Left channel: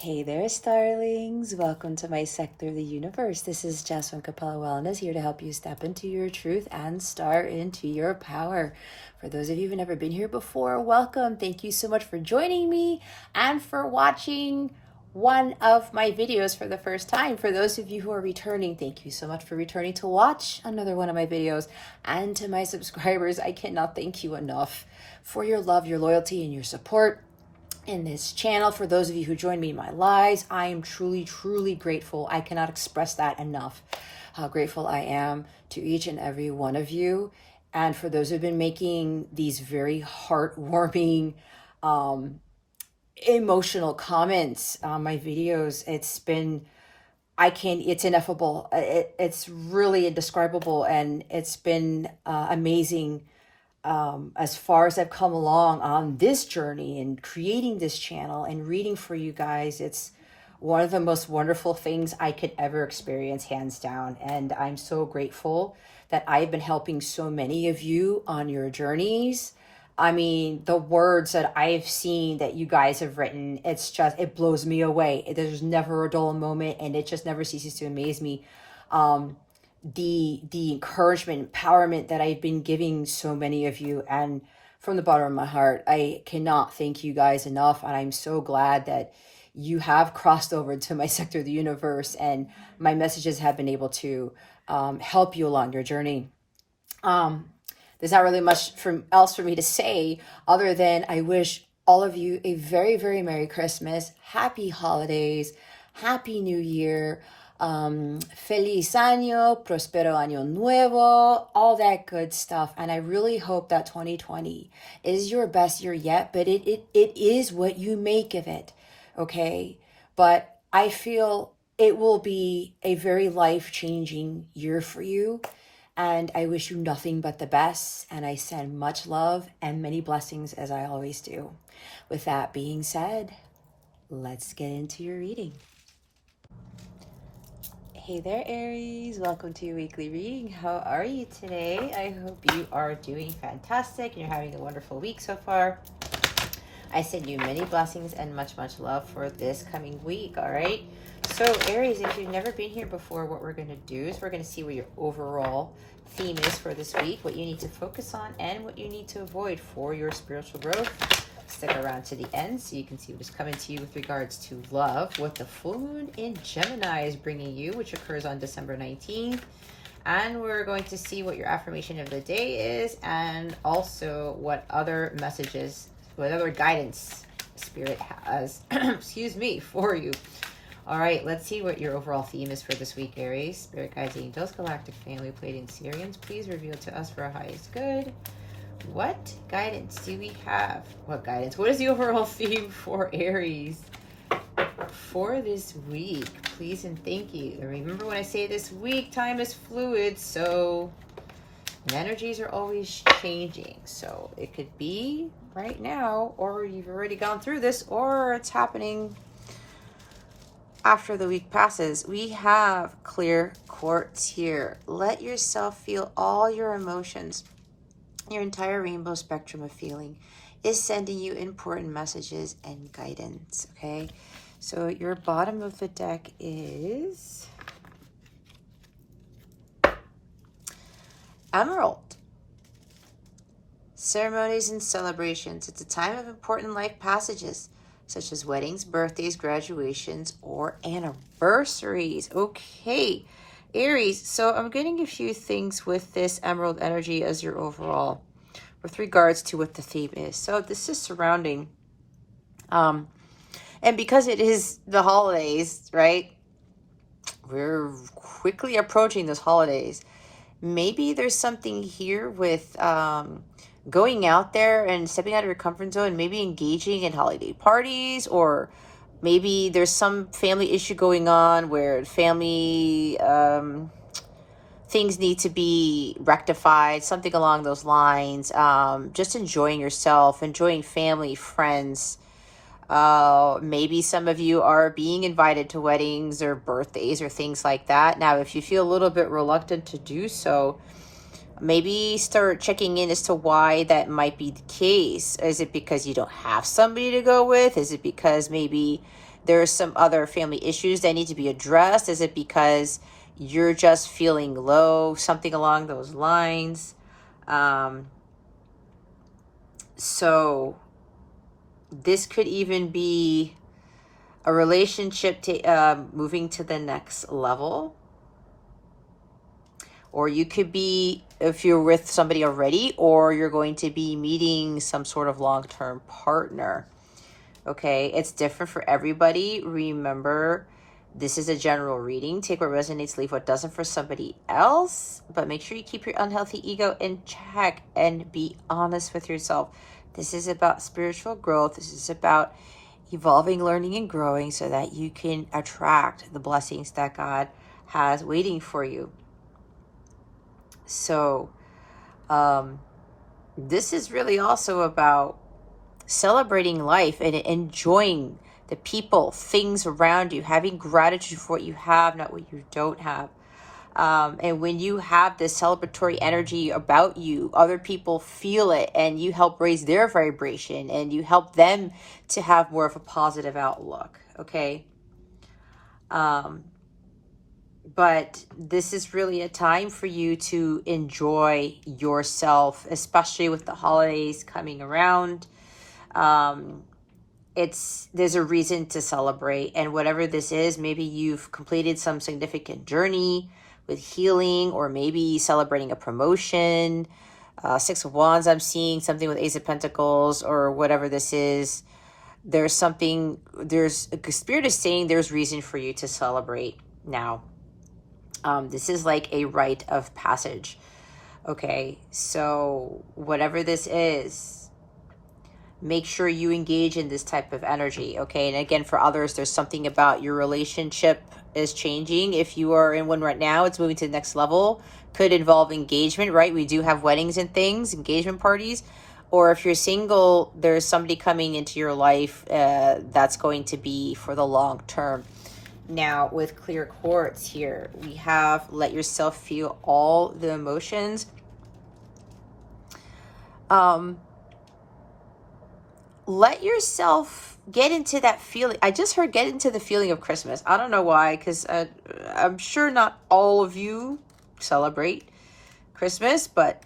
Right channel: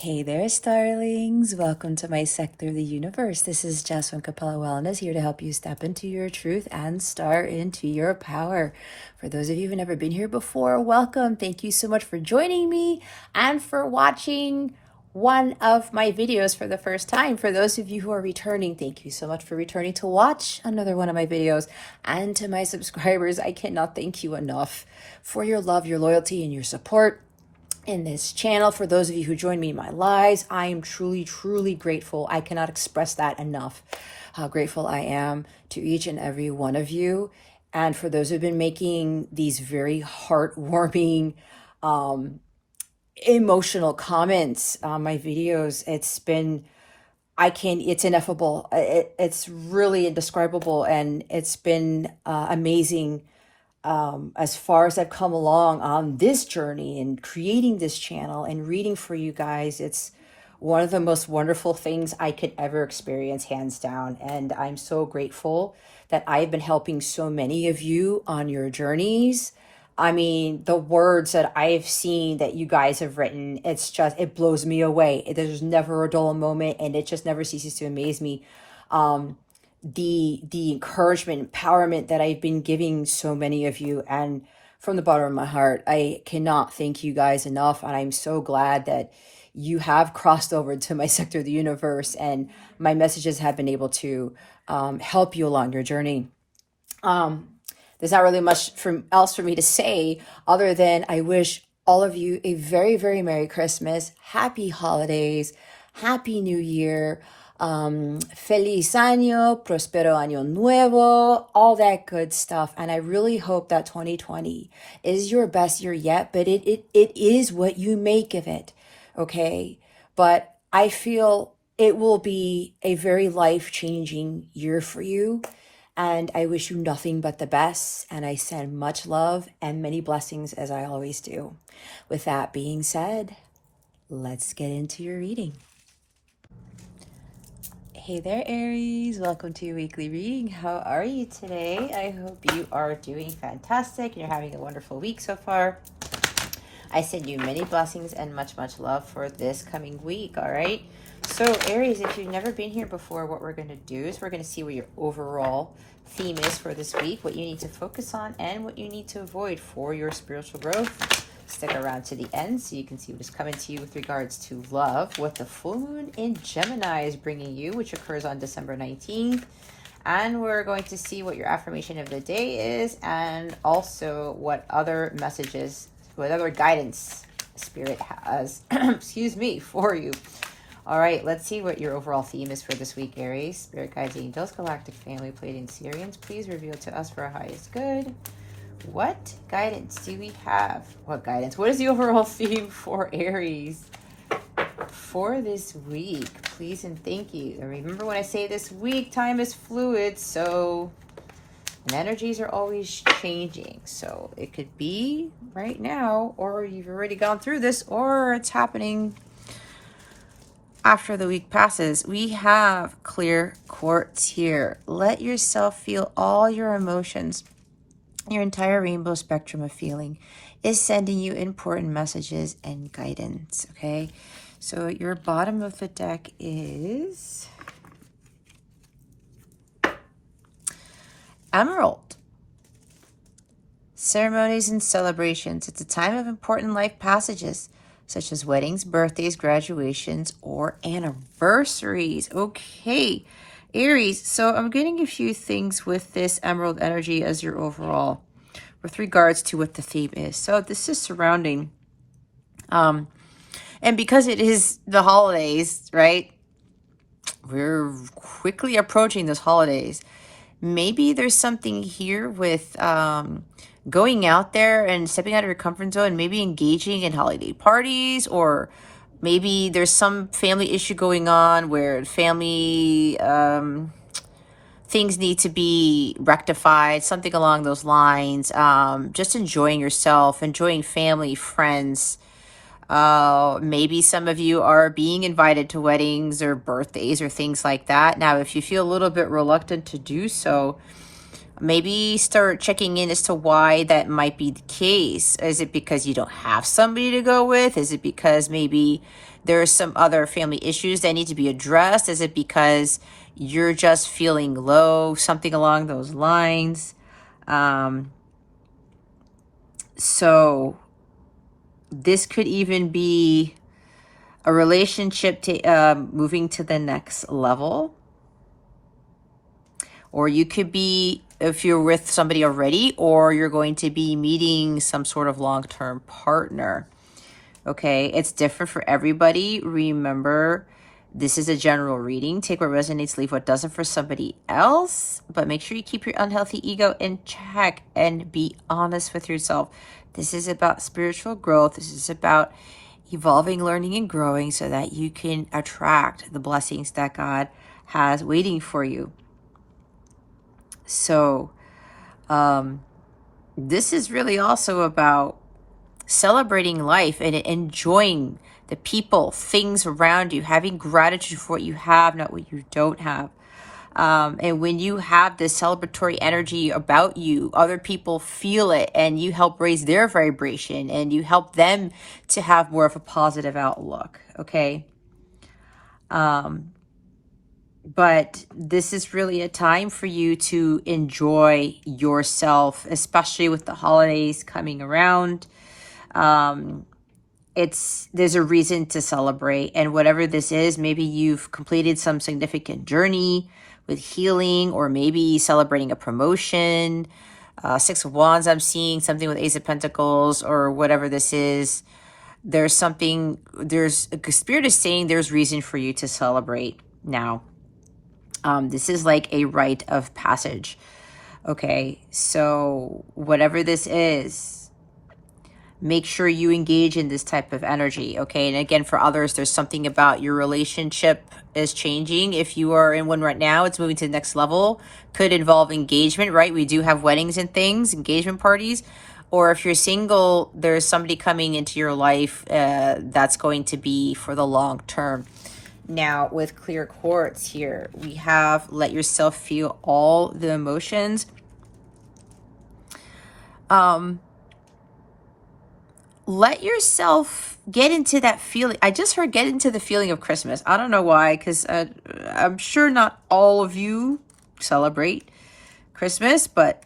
Hey there, starlings. Welcome to my sector of the universe. This is Jasmine Capella Wellness, here to help you step into your truth and star into your power. For those of you who've never been here before, welcome. Thank you so much for joining me and for watching one of my videos for the first time. For those of you who are returning, thank you so much for returning to watch another one of my videos. And to my subscribers, I cannot thank you enough for your love, your loyalty, and your support in this channel. For those of you who join me in my lives, I am truly grateful. I cannot express that enough, how grateful I am to each and every one of you. And for those who've been making these very heartwarming, emotional comments on my videos, it's ineffable. It's really indescribable, and it's been amazing. As far as I've come along on this journey and creating this channel and reading for you guys, it's one of the most wonderful things I could ever experience, hands down. And I'm so grateful that I've been helping so many of you on your journeys. I mean, the words that I've seen that you guys have written, it blows me away. There's never a dull moment, and it just never ceases to amaze me. The encouragement, empowerment that I've been giving so many of you, and from the bottom of my heart, I cannot thank you guys enough. And I'm so glad that you have crossed over to my sector of the universe, and my messages have been able to help you along your journey. There's not really much else for me to say other than I wish all of you a very Merry Christmas, Happy Holidays, Happy New Year. Feliz año, prospero año nuevo, all that good stuff. And I really hope that 2020 is your best year yet, but it is what you make of it, okay? But I feel it will be a very life-changing year for you, and I wish you nothing but the best, and I send much love and many blessings, as I always do. With that being said, let's get into your reading. Hey there, Aries. Welcome to your weekly reading. How are you today? I hope you are doing fantastic and you're having a wonderful week so far. I send you many blessings and much love for this coming week, all right? So, Aries, if you've never been here before, what we're going to do is we're going to see what your overall theme is for this week, what you need to focus on, and what you need to avoid for your spiritual growth. Stick around to the end so you can see what is coming to you with regards to love, what the full moon in Gemini is bringing you, which occurs on December 19th. And we're going to see what your affirmation of the day is, and also what other messages, what other guidance Spirit has, excuse me, for you. All right, let's see what your overall theme is for this week, Aries. Spirit guides, angels, galactic family, Pleiadian Sirians, please reveal to us for our highest good. What guidance do we have? What guidance? What is the overall theme for Aries for this week? Please and thank you. And remember, when I say this week, time is fluid, so energies are always changing. So it could be right now, or you've already gone through this, or it's happening after the week passes. We have clear quartz here. Let yourself feel all your emotions. Your entire rainbow spectrum of feeling is sending you important messages and guidance, okay? So your bottom of the deck is Emerald. Ceremonies and celebrations. It's a time of important life passages, such as weddings, birthdays, graduations, or anniversaries. Okay, Aries, so I'm getting a few things with this emerald energy as your overall, with regards to what the theme is. So this is surrounding, and because it is the holidays, right? We're quickly approaching those holidays. Maybe there's something here with going out there and stepping out of your comfort zone, maybe engaging in holiday parties, or maybe there's some family issue going on where family things need to be rectified, something along those lines. Just enjoying yourself, enjoying family, friends. Maybe some of you are being invited to weddings or birthdays or things like that. Now, if you feel a little bit reluctant to do so, Maybe start checking in as to why that might be the case. Is it because you don't have somebody to go with? Is it because maybe there's some other family issues that need to be addressed? Is it because you're just feeling low? Something along those lines. So this could even be a relationship to moving to the next level. Or you could be, if you're with somebody already, or you're going to be meeting some sort of long-term partner. Okay, it's different for everybody. Remember, this is a general reading. Take what resonates, leave what doesn't for somebody else. But make sure you keep your unhealthy ego in check and be honest with yourself. This is about spiritual growth. This is about evolving, learning, and growing so that you can attract the blessings that God has waiting for you. So this is really also about celebrating life and enjoying the people, things around you, having gratitude for what you have, not what you don't have. And when you have this celebratory energy about you, other people feel it, and you help raise their vibration, and you help them to have more of a positive outlook, okay? But this is really a time for you to enjoy yourself, especially with the holidays coming around. There's a reason to celebrate, and whatever this is, maybe you've completed some significant journey with healing, or maybe celebrating a promotion. Six of Wands, I'm seeing something with Ace of Pentacles, or whatever this is. There's something, Spirit is saying there's reason for you to celebrate now. This is like a rite of passage. Okay, so whatever this is, make sure you engage in this type of energy, okay? And again, for others, there's something about your relationship is changing. If you are in one right now, it's moving to the next level. Could involve engagement, right? We do have weddings and things, engagement parties. Or if you're single, there's somebody coming into your life that's going to be for the long term. Now, with clear quartz here, we have let yourself feel all the emotions. Let yourself get into that feeling. I just heard get into the feeling of Christmas. I don't know why, because I'm sure not all of you celebrate Christmas, but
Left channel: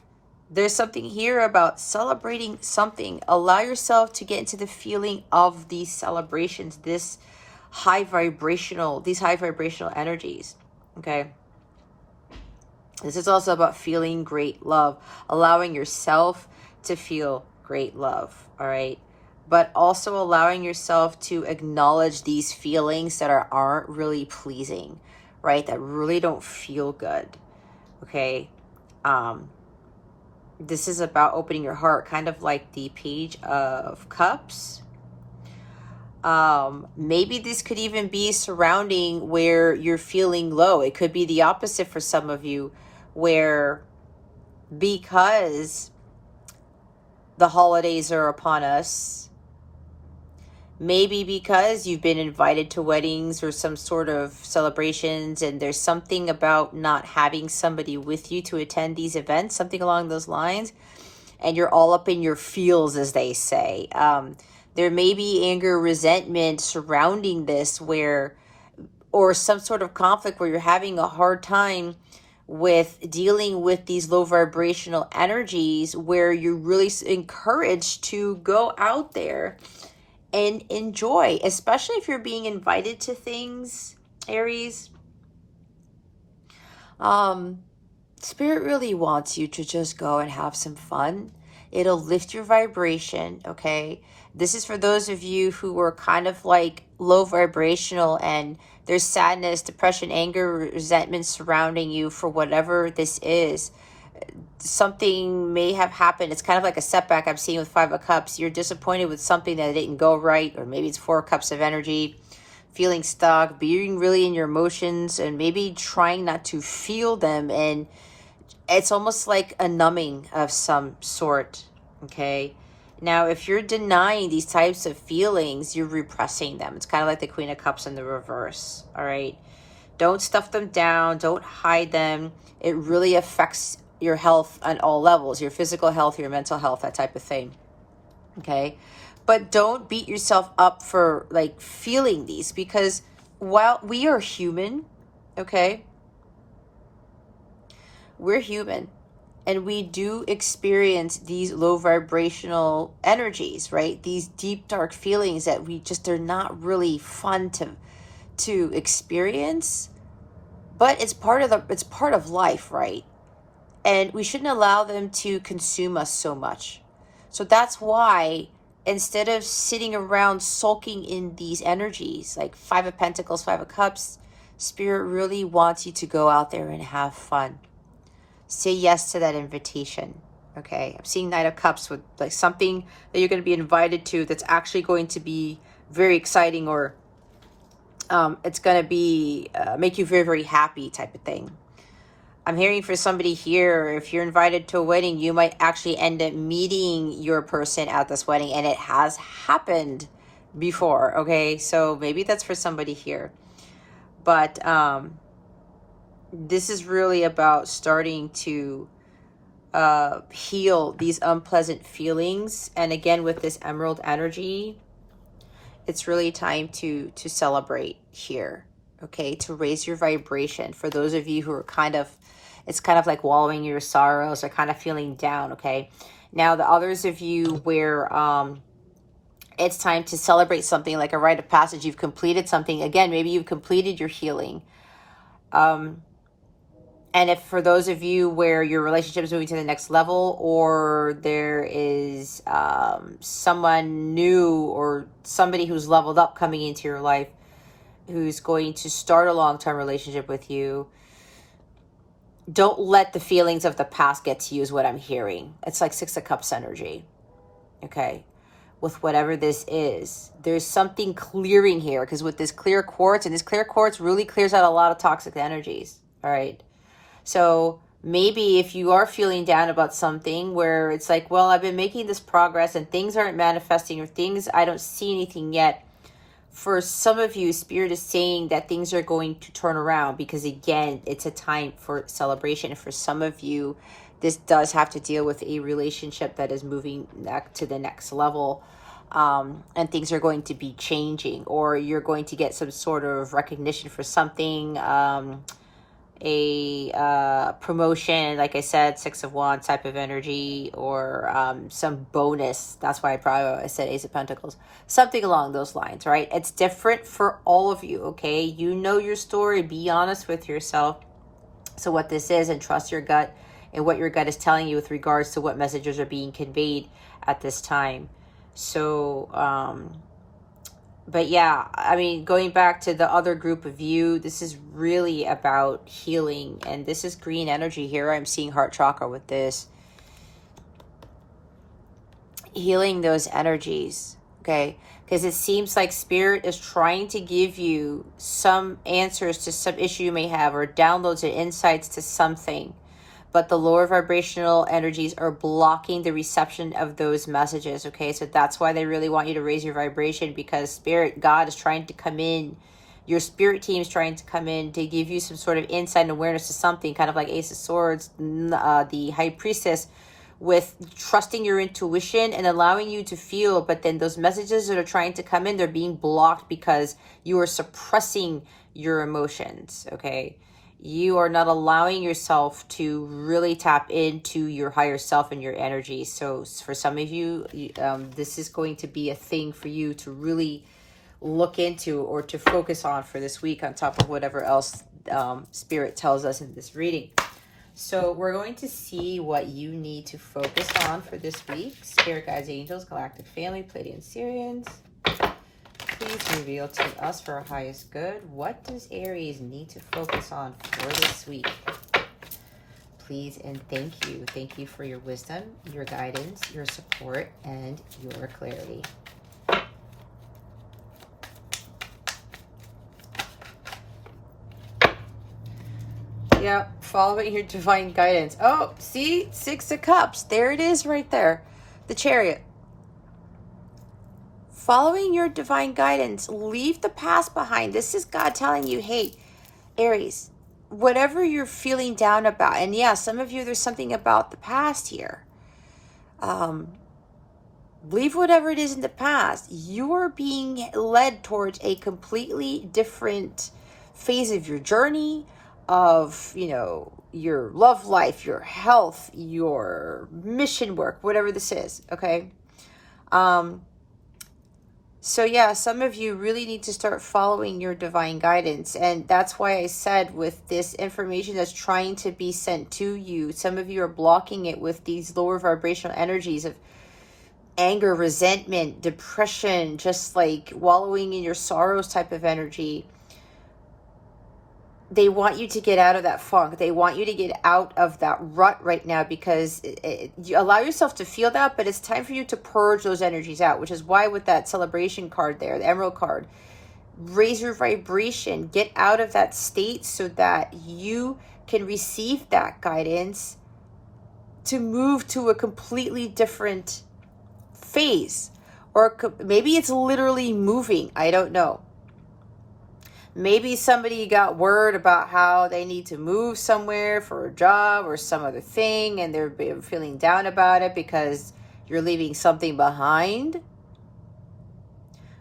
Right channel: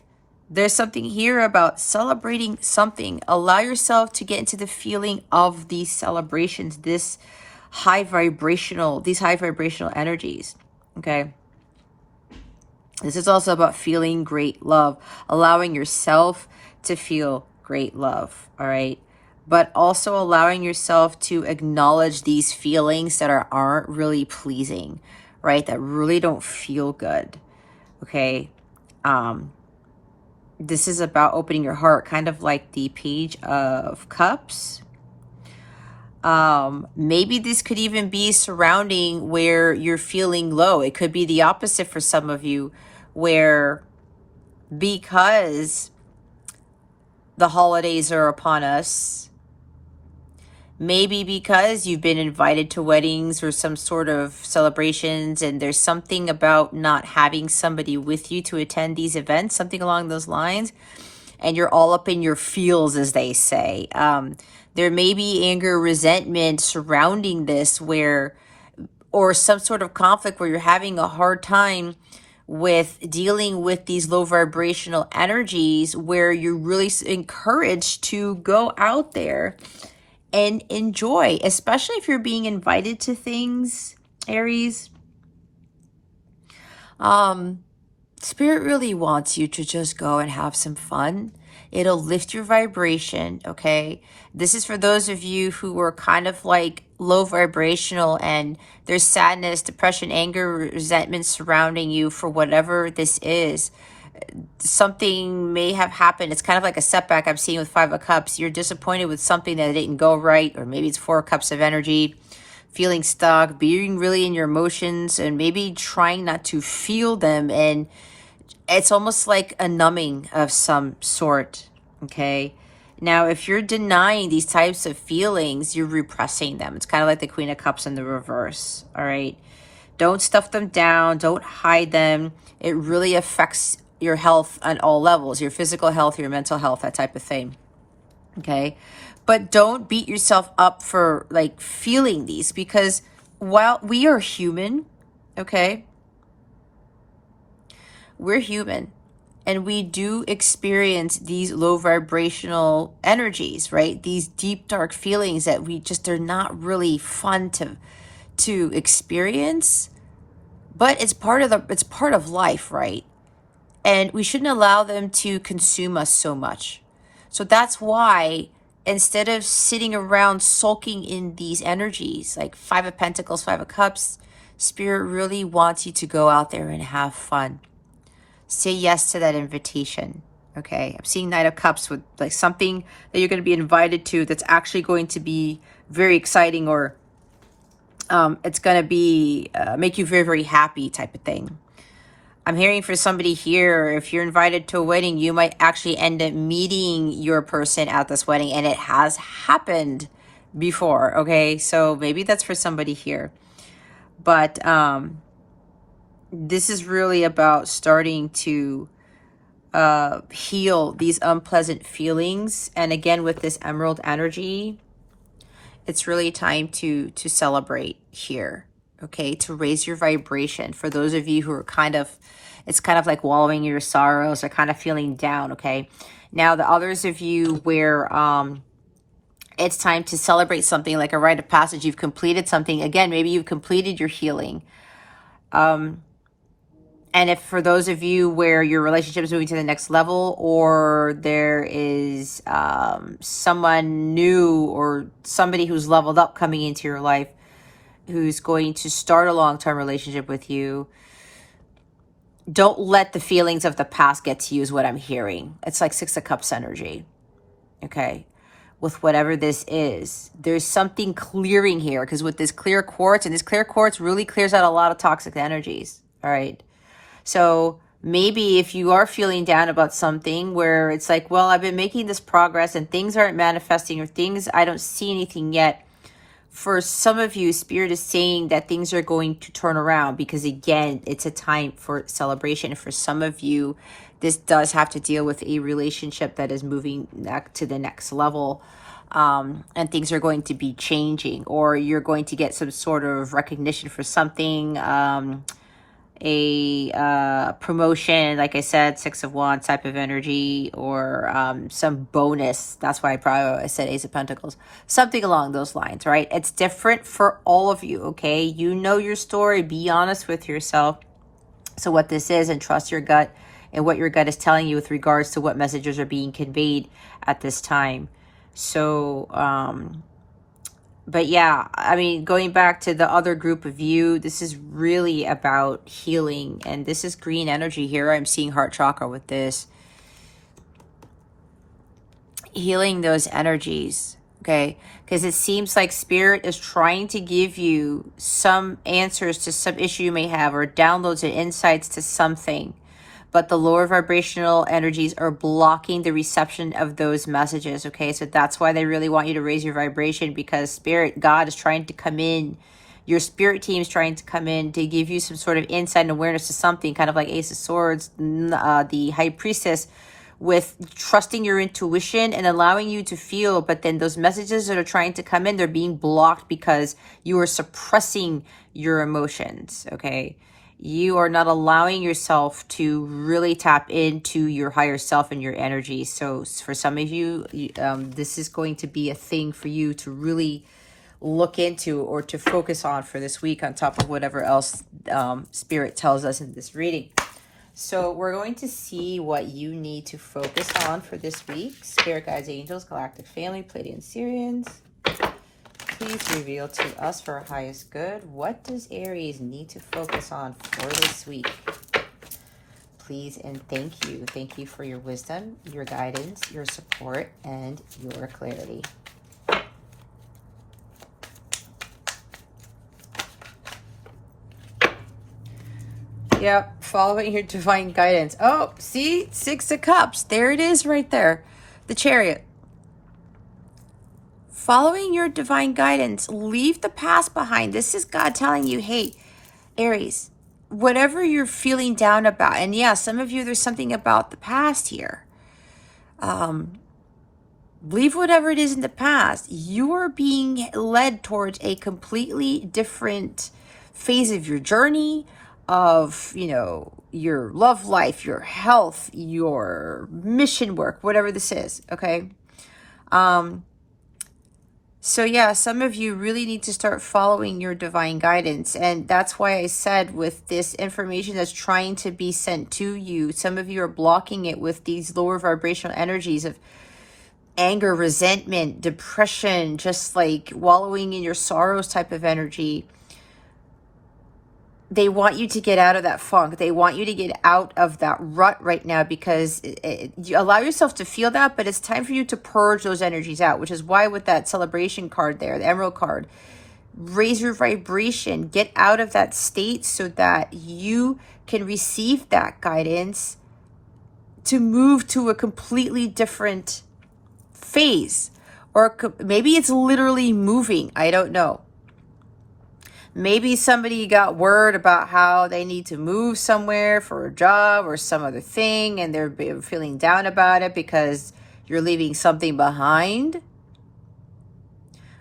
there's something here about celebrating something. Allow yourself to get into the feeling of these celebrations, these high vibrational energies, okay? This is also about feeling great love, allowing yourself to feel great love, all right? But also allowing yourself to acknowledge these feelings that aren't really pleasing, right? That really don't feel good, okay? This is about opening your heart, kind of like the Page of Cups. Maybe this could even be surrounding where you're feeling low. It could be the opposite for some of you, where because the holidays are upon us, maybe because you've been invited to weddings or some sort of celebrations, and there's something about not having somebody with you to attend these events, something along those lines, and you're all up in your feels, as they say. There may be anger, resentment surrounding this, or some sort of conflict where you're having a hard time with dealing with these low vibrational energies, where you're really encouraged to go out there and enjoy, especially if you're being invited to things, Aries. Spirit really wants you to just go and have some fun. It'll lift your vibration, okay? This is for those of you who were kind of like low vibrational, and there's sadness, depression, anger, resentment surrounding you for whatever this is. Something may have happened. It's kind of like a setback I'm seeing with Five of Cups. You're disappointed with something that didn't go right, or maybe it's Four Cups of energy, feeling stuck, being really in your emotions, and maybe trying not to feel them, and it's almost like a numbing of some sort, okay? Now, if you're denying these types of feelings, you're repressing them. It's kind of like the Queen of Cups in the reverse, all right? Don't stuff them down. Don't hide them. It really affects your health on all levels, your physical health, your mental health, that type of thing. Okay. But don't beat yourself up for like feeling these, because while we are human, okay, we're human and we do experience these low vibrational energies, right? These deep, dark feelings that they're not really fun to experience, but it's part of life, right? And we shouldn't allow them to consume us so much. So that's why, instead of sitting around sulking in these energies, like Five of Pentacles, Five of Cups, Spirit really wants you to go out there and have fun. Say yes to that invitation. Okay, I'm seeing Knight of Cups with like something that you're going to be invited to that's actually going to be very exciting, or it's going to be make you very, very happy type of thing. I'm hearing for somebody here, if you're invited to a wedding, you might actually end up meeting your person at this wedding, and it has happened before, okay? So maybe that's for somebody here. But this is really about starting to heal these unpleasant feelings. And again, with this emerald energy, it's really time to celebrate here, okay? To raise your vibration. For those of you who are it's kind of like wallowing in your sorrows or kind of feeling down, okay? Now, the others of you where it's time to celebrate something like a rite of passage, you've completed something. Again, maybe you've completed your healing. And if for those of you where your relationship is moving to the next level, or there is someone new or somebody who's leveled up coming into your life who's going to start a long-term relationship with you, don't let the feelings of the past get to you is what I'm hearing. It's like Six of Cups energy, okay? With whatever this is, there's something clearing here, because with this clear quartz, and this clear quartz really clears out a lot of toxic energies, all right? So maybe if you are feeling down about something where it's like, well, I've been making this progress and things aren't manifesting, or things, I don't see anything yet. For some of you, Spirit is saying that things are going to turn around, because again, it's a time for celebration. For some of you, this does have to deal with a relationship that is moving to the next level, and things are going to be changing, or you're going to get some sort of recognition for something, a promotion, like I said, Six of Wands type of energy, or some bonus. That's why I said Ace of Pentacles, something along those lines, right? It's different for all of you, okay? You know your story. Be honest with yourself. So what this is, and trust your gut and what your gut is telling you with regards to what messages are being conveyed at this time. So but yeah, I mean, going back to the other group of you, this is really about healing. And this is green energy here. I'm seeing heart chakra with this. Healing those energies, okay? Because it seems like Spirit is trying to give you some answers to some issue you may have, or downloads and insights to something. But the lower vibrational energies are blocking the reception of those messages, okay? So that's why they really want you to raise your vibration, because Spirit, God is trying to come in. Your spirit team is trying to come in to give you some sort of insight and awareness to something, kind of like Ace of Swords, the High Priestess, with trusting your intuition and allowing you to feel. But then those messages that are trying to come in, they're being blocked because you are suppressing your emotions, okay? You are not allowing yourself to really tap into your higher self and your energy. So for some of you, this is going to be a thing for you to really look into, or to focus on for this week, on top of whatever else Spirit tells us in this reading. So we're going to see what you need to focus on for this week. Spirit guides, angels, galactic family, Pleiadian Syrians, please reveal to us for our highest good. What does Aries need to focus on for this week? Please and thank you. Thank you for your wisdom, your guidance, your support, and your clarity. Yep, following your divine guidance. Oh, see? Six of Cups. There it is right there. The Chariot. Following your divine guidance. Leave the past behind. This is God telling you, hey, Aries, whatever you're feeling down about, and yeah, some of you, there's something about the past here. Leave whatever it is in the past. You are being led towards a completely different phase of your journey, of, you know, your love life, your health, your mission work, whatever this is, okay? So yeah, some of you really need to start following your divine guidance. And that's why I said, with this information that's trying to be sent to you, some of you are blocking it with these lower vibrational energies of anger, resentment, depression, just like wallowing in your sorrows type of energy. They want you to get out of that funk. They want you to get out of that rut right now, because you allow yourself to feel that, but it's time for you to purge those energies out, which is why with that celebration card there, the emerald card, raise your vibration, get out of that state so that you can receive that guidance to move to a completely different phase. Or maybe it's literally moving. I don't know. Maybe somebody got word about how they need to move somewhere for a job or some other thing, and they're feeling down about it because you're leaving something behind.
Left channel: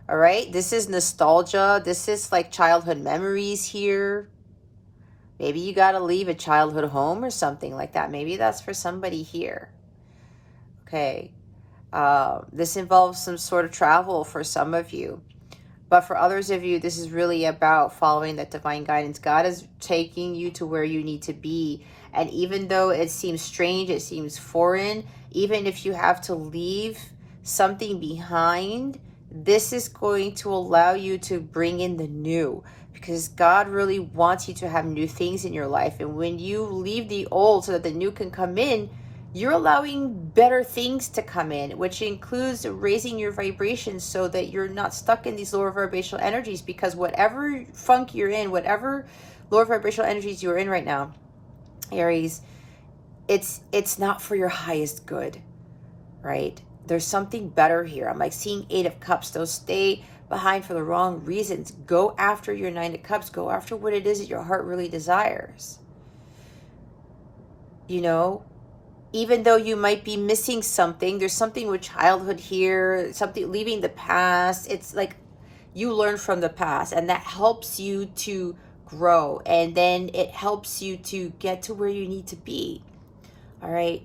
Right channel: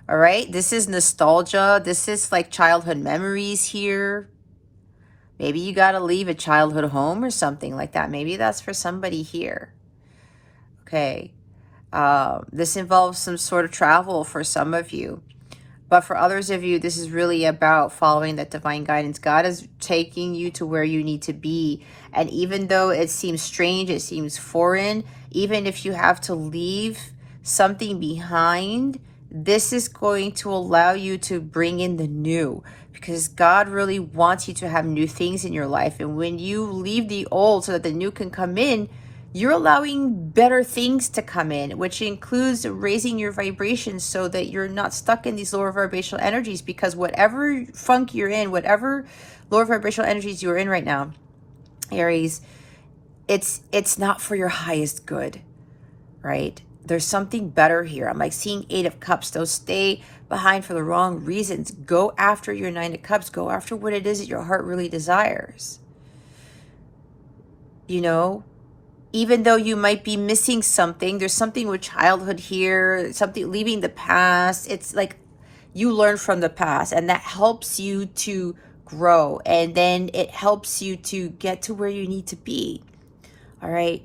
All right, this is nostalgia. This is like childhood memories here. Maybe you got to leave a childhood home or something like that. Maybe that's for somebody here. Okay. This involves some sort of travel for some of you. But for others of you, this is really about following that divine guidance. God is taking you to where you need to be. And even though it seems strange, it seems foreign, even if you have to leave something behind, this is going to allow you to bring in the new, because God really wants you to have new things in your life. And when you leave the old so that the new can come in, you're allowing better things to come in, which includes raising your vibrations so that you're not stuck in these lower vibrational energies. Because whatever funk you're in, whatever lower vibrational energies you're in right now, Aries, it's not for your highest good, right? There's something better here. I'm like seeing 8 of Cups. Don't stay behind for the wrong reasons. Go after your 9 of Cups. Go after what it is that your heart really desires. You know, even though you might be missing something, there's something with childhood here, something leaving the past. It's like you learn from the past, and that helps you to grow, and then it helps you to get to where you need to be. All right,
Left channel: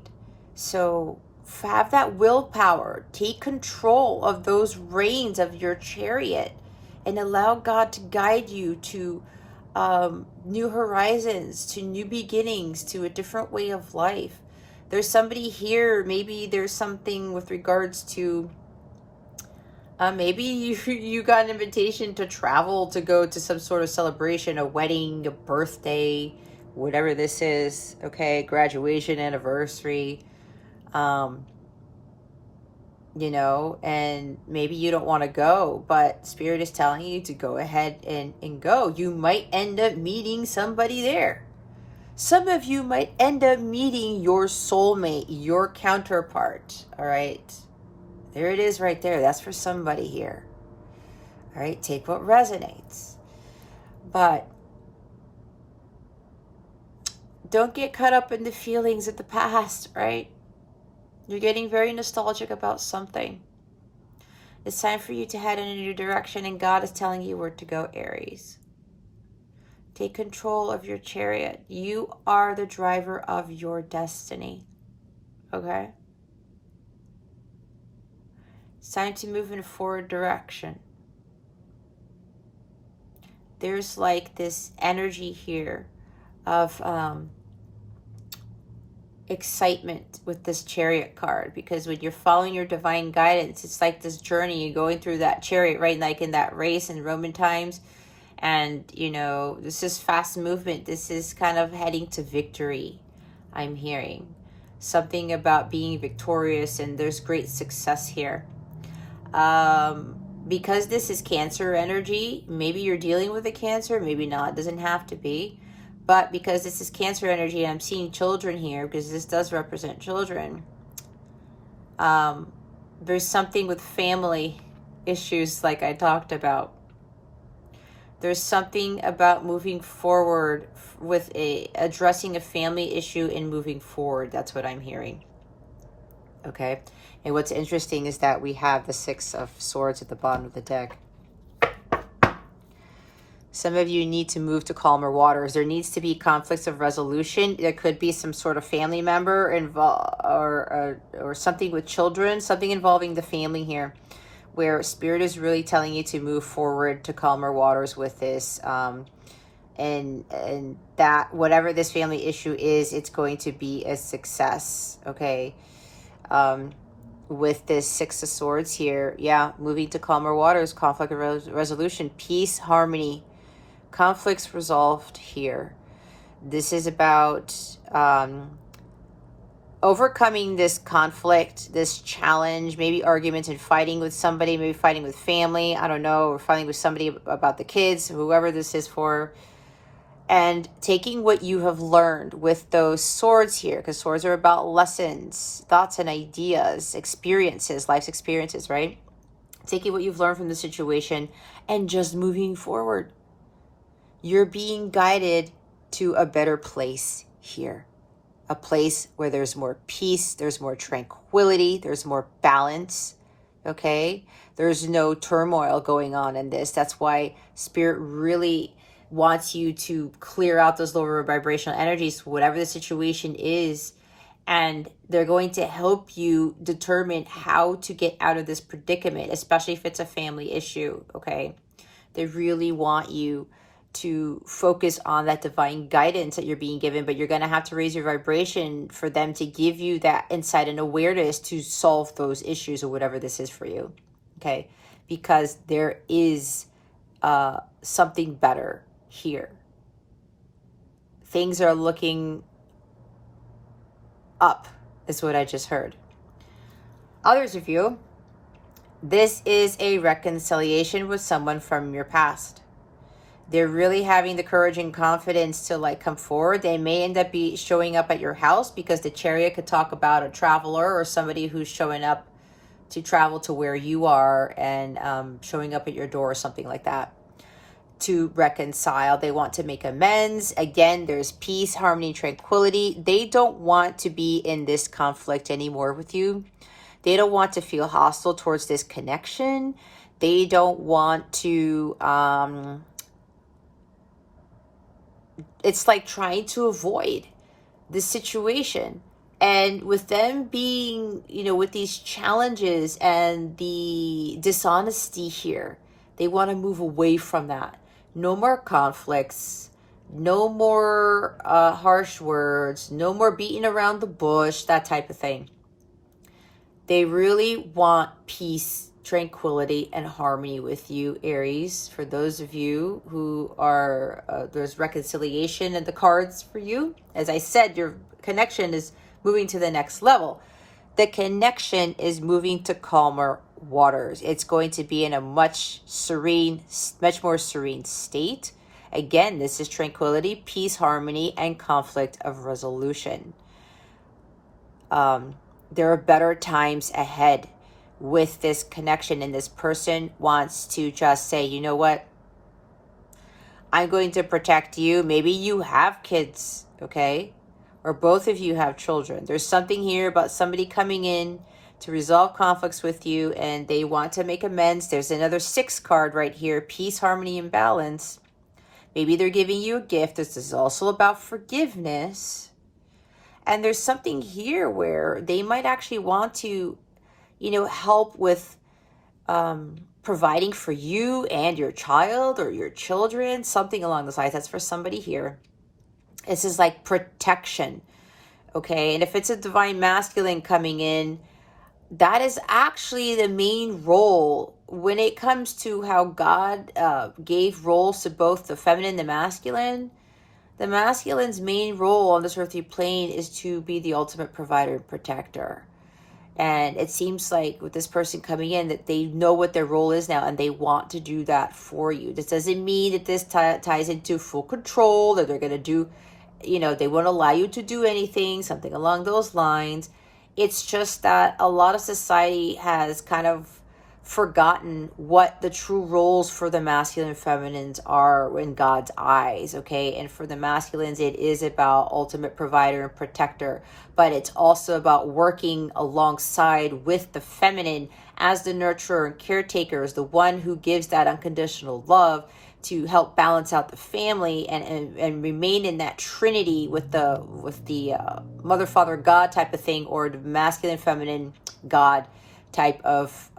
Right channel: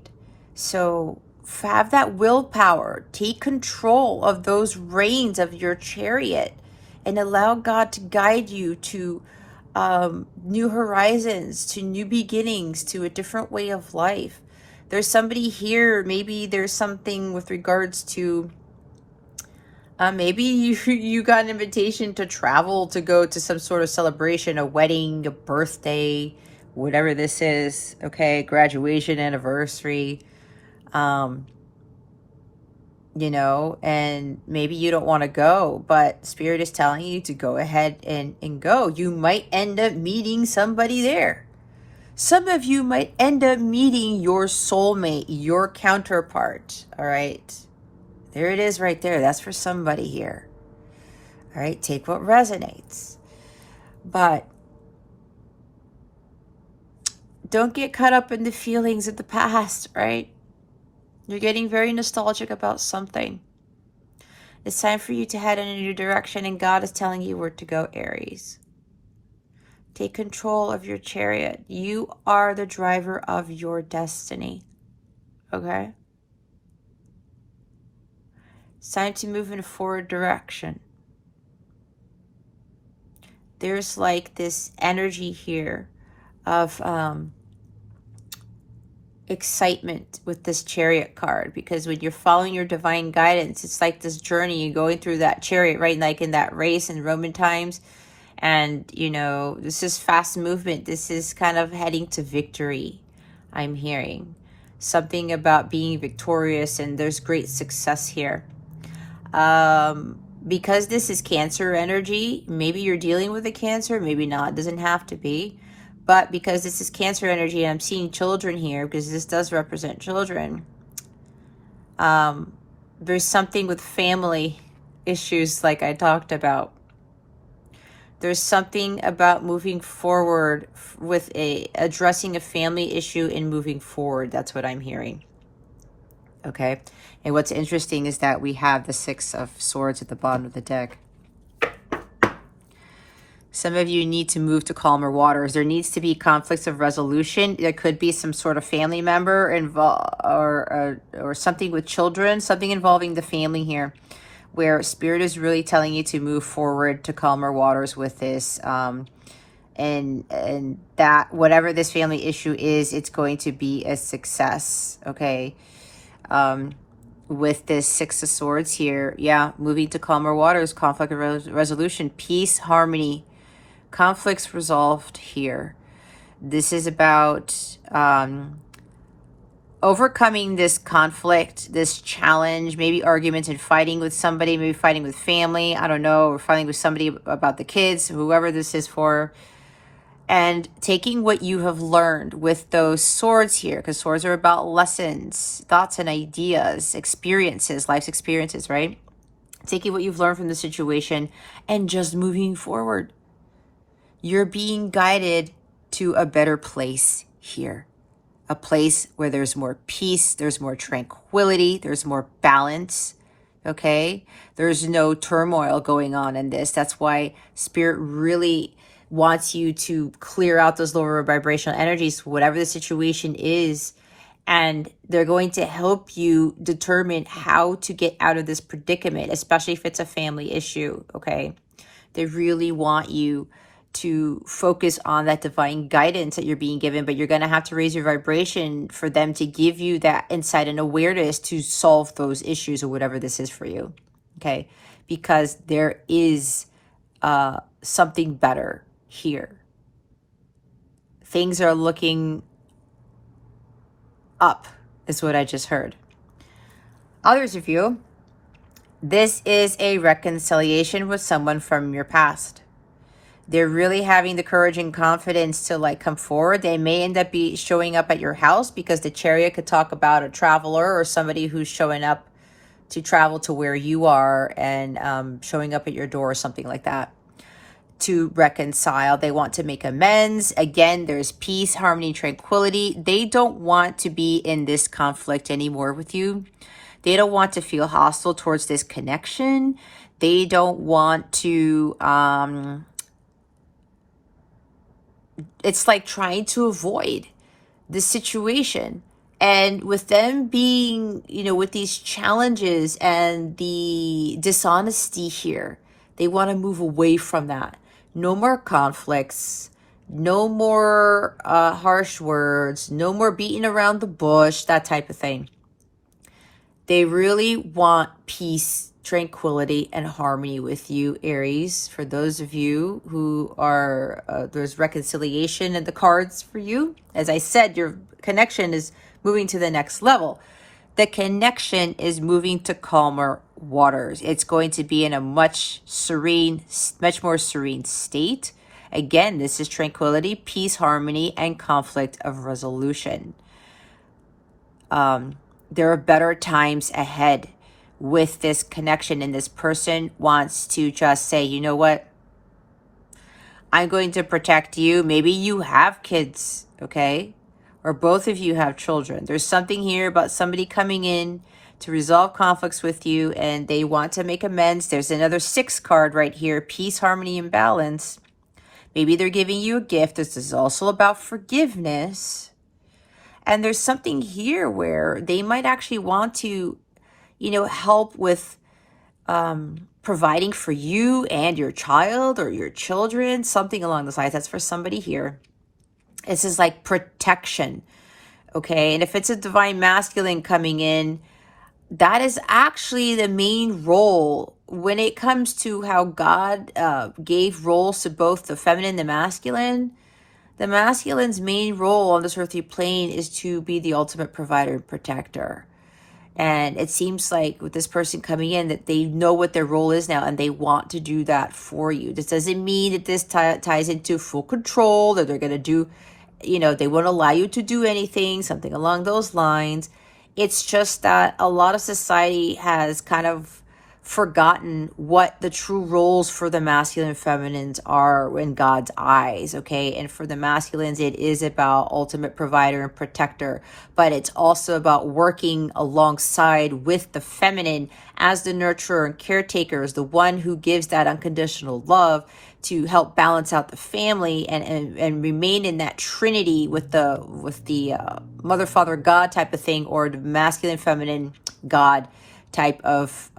so have that willpower. Take control of those reins of your chariot and allow God to guide you to new horizons, to new beginnings, to a different way of life. There's somebody here, maybe there's something with regards to maybe you got an invitation to travel, to go to some sort of celebration, a wedding, a birthday, whatever this is, okay, graduation, anniversary, you know, and maybe you don't want to go, but Spirit is telling you to go ahead and go. You might end up meeting somebody there. Some of you might end up meeting your soulmate, your counterpart, all right? There it is right there. That's for somebody here. All right, take what resonates. But don't get caught up in the feelings of the past, right? You're getting very nostalgic about something. It's time for you to head in a new direction, and God is telling you where to go, Aries. Take control of your chariot. You are the driver of your destiny. Okay? It's time to move in a forward direction. There's like this energy here of excitement with this chariot card, because when you're following your divine guidance, it's like this journey. You're going through that chariot, right? Like in that race in Roman times. And, you know, this is fast movement. This is kind of heading to victory, I'm hearing. Something about being victorious, and there's great success here. Because this is Cancer energy, maybe you're dealing with a Cancer, maybe not. It doesn't have to be. But because this is Cancer energy, I'm seeing children here, because this does represent children. There's something with family issues like I talked about. There's something about moving forward with addressing a family issue and moving forward. That's what I'm hearing. Okay. And what's interesting is that we have the Six of Swords at the bottom of the deck. Some of you need to move to calmer waters. There needs to be conflicts of resolution. There could be some sort of family member involved, or something with children, something involving the family here, where Spirit is really telling you to move forward to calmer waters with this. And that whatever this family issue is, it's going to be a success. Okay. With this Six of Swords here, yeah, moving to calmer waters, conflict resolution, peace, harmony, conflicts resolved here. This is about overcoming this conflict, this challenge, maybe arguments and fighting with somebody, maybe fighting with family, I don't know, or fighting with somebody about the kids, whoever this is for. And taking what you have learned with those swords here, because swords are about lessons, thoughts and ideas, experiences, life's experiences, right? Taking what you've learned from the situation and just moving forward. You're being guided to a better place here. A place where there's more peace, there's more tranquility, there's more balance, okay? There's no turmoil going on in this. That's why Spirit really wants you to clear out those lower vibrational energies, whatever the situation is, and they're going to help you determine how to get out of this predicament, especially if it's a family issue, okay? They really want you to focus on that divine guidance that you're being given, but you're going to have to raise your vibration for them to give you that insight and awareness to solve those issues or whatever this is for you, okay? Because there is something better here. Things are looking up, is what I just heard. Others of you, this is a reconciliation with someone from your past. They're really having the courage and confidence to like come forward. They may end up showing up at your house, because the Chariot could talk about a traveler or somebody who's showing up to travel to where you are and showing up at your door or something like that to reconcile. They want to make amends. Again, there's peace, harmony, tranquility. They don't want to be in this conflict anymore with you. They don't want to feel hostile towards this connection. They don't want to it's like trying to avoid this situation. And with them being, you know, with these challenges and the dishonesty here, they want to move away from that. No more conflicts, no more harsh words, no more beating around the bush, that type of thing. They really want peace, tranquility, and harmony with you, Aries. For those of you who are, there's reconciliation in the cards for you. As I said, your connection is moving to the next level. The connection is moving to calmer waters. It's going to be in a much more serene state. Again, this is tranquility, peace, harmony, and conflict of resolution. There are better times ahead with this connection, and this person wants to just say, you know what? I'm going to protect you. Maybe you have kids, okay? Or both of you have children. There's something here about somebody coming in to resolve conflicts with you, and they want to make amends. There's another 6 card right here, peace, harmony, and balance. Maybe they're giving you a gift. This is also about forgiveness. And there's something here where they might actually want to, you know, help with providing for you and your child or your children, something along those lines. That's for somebody here. This is like protection, okay? And if it's a divine masculine coming in, that is actually the main role when it comes to how God gave roles to both the feminine and the masculine. The masculine's main role on this earthly plane is to be the ultimate provider and protector. And it seems like with this person coming in that they know what their role is now and they want to do that for you. This doesn't mean that this ties into full control, that they're going to do, you know, they won't allow you to do anything, something along those lines. It's just that a lot of society has kind of forgotten what the true roles for the masculine and feminines are in God's eyes, okay? And for the masculines, it is about ultimate provider and protector, but it's also about working alongside with the feminine as the nurturer and caretaker, as the one who gives that unconditional love to help balance out the family and remain in that trinity with the mother, father, God type of thing, or the masculine, feminine, God type of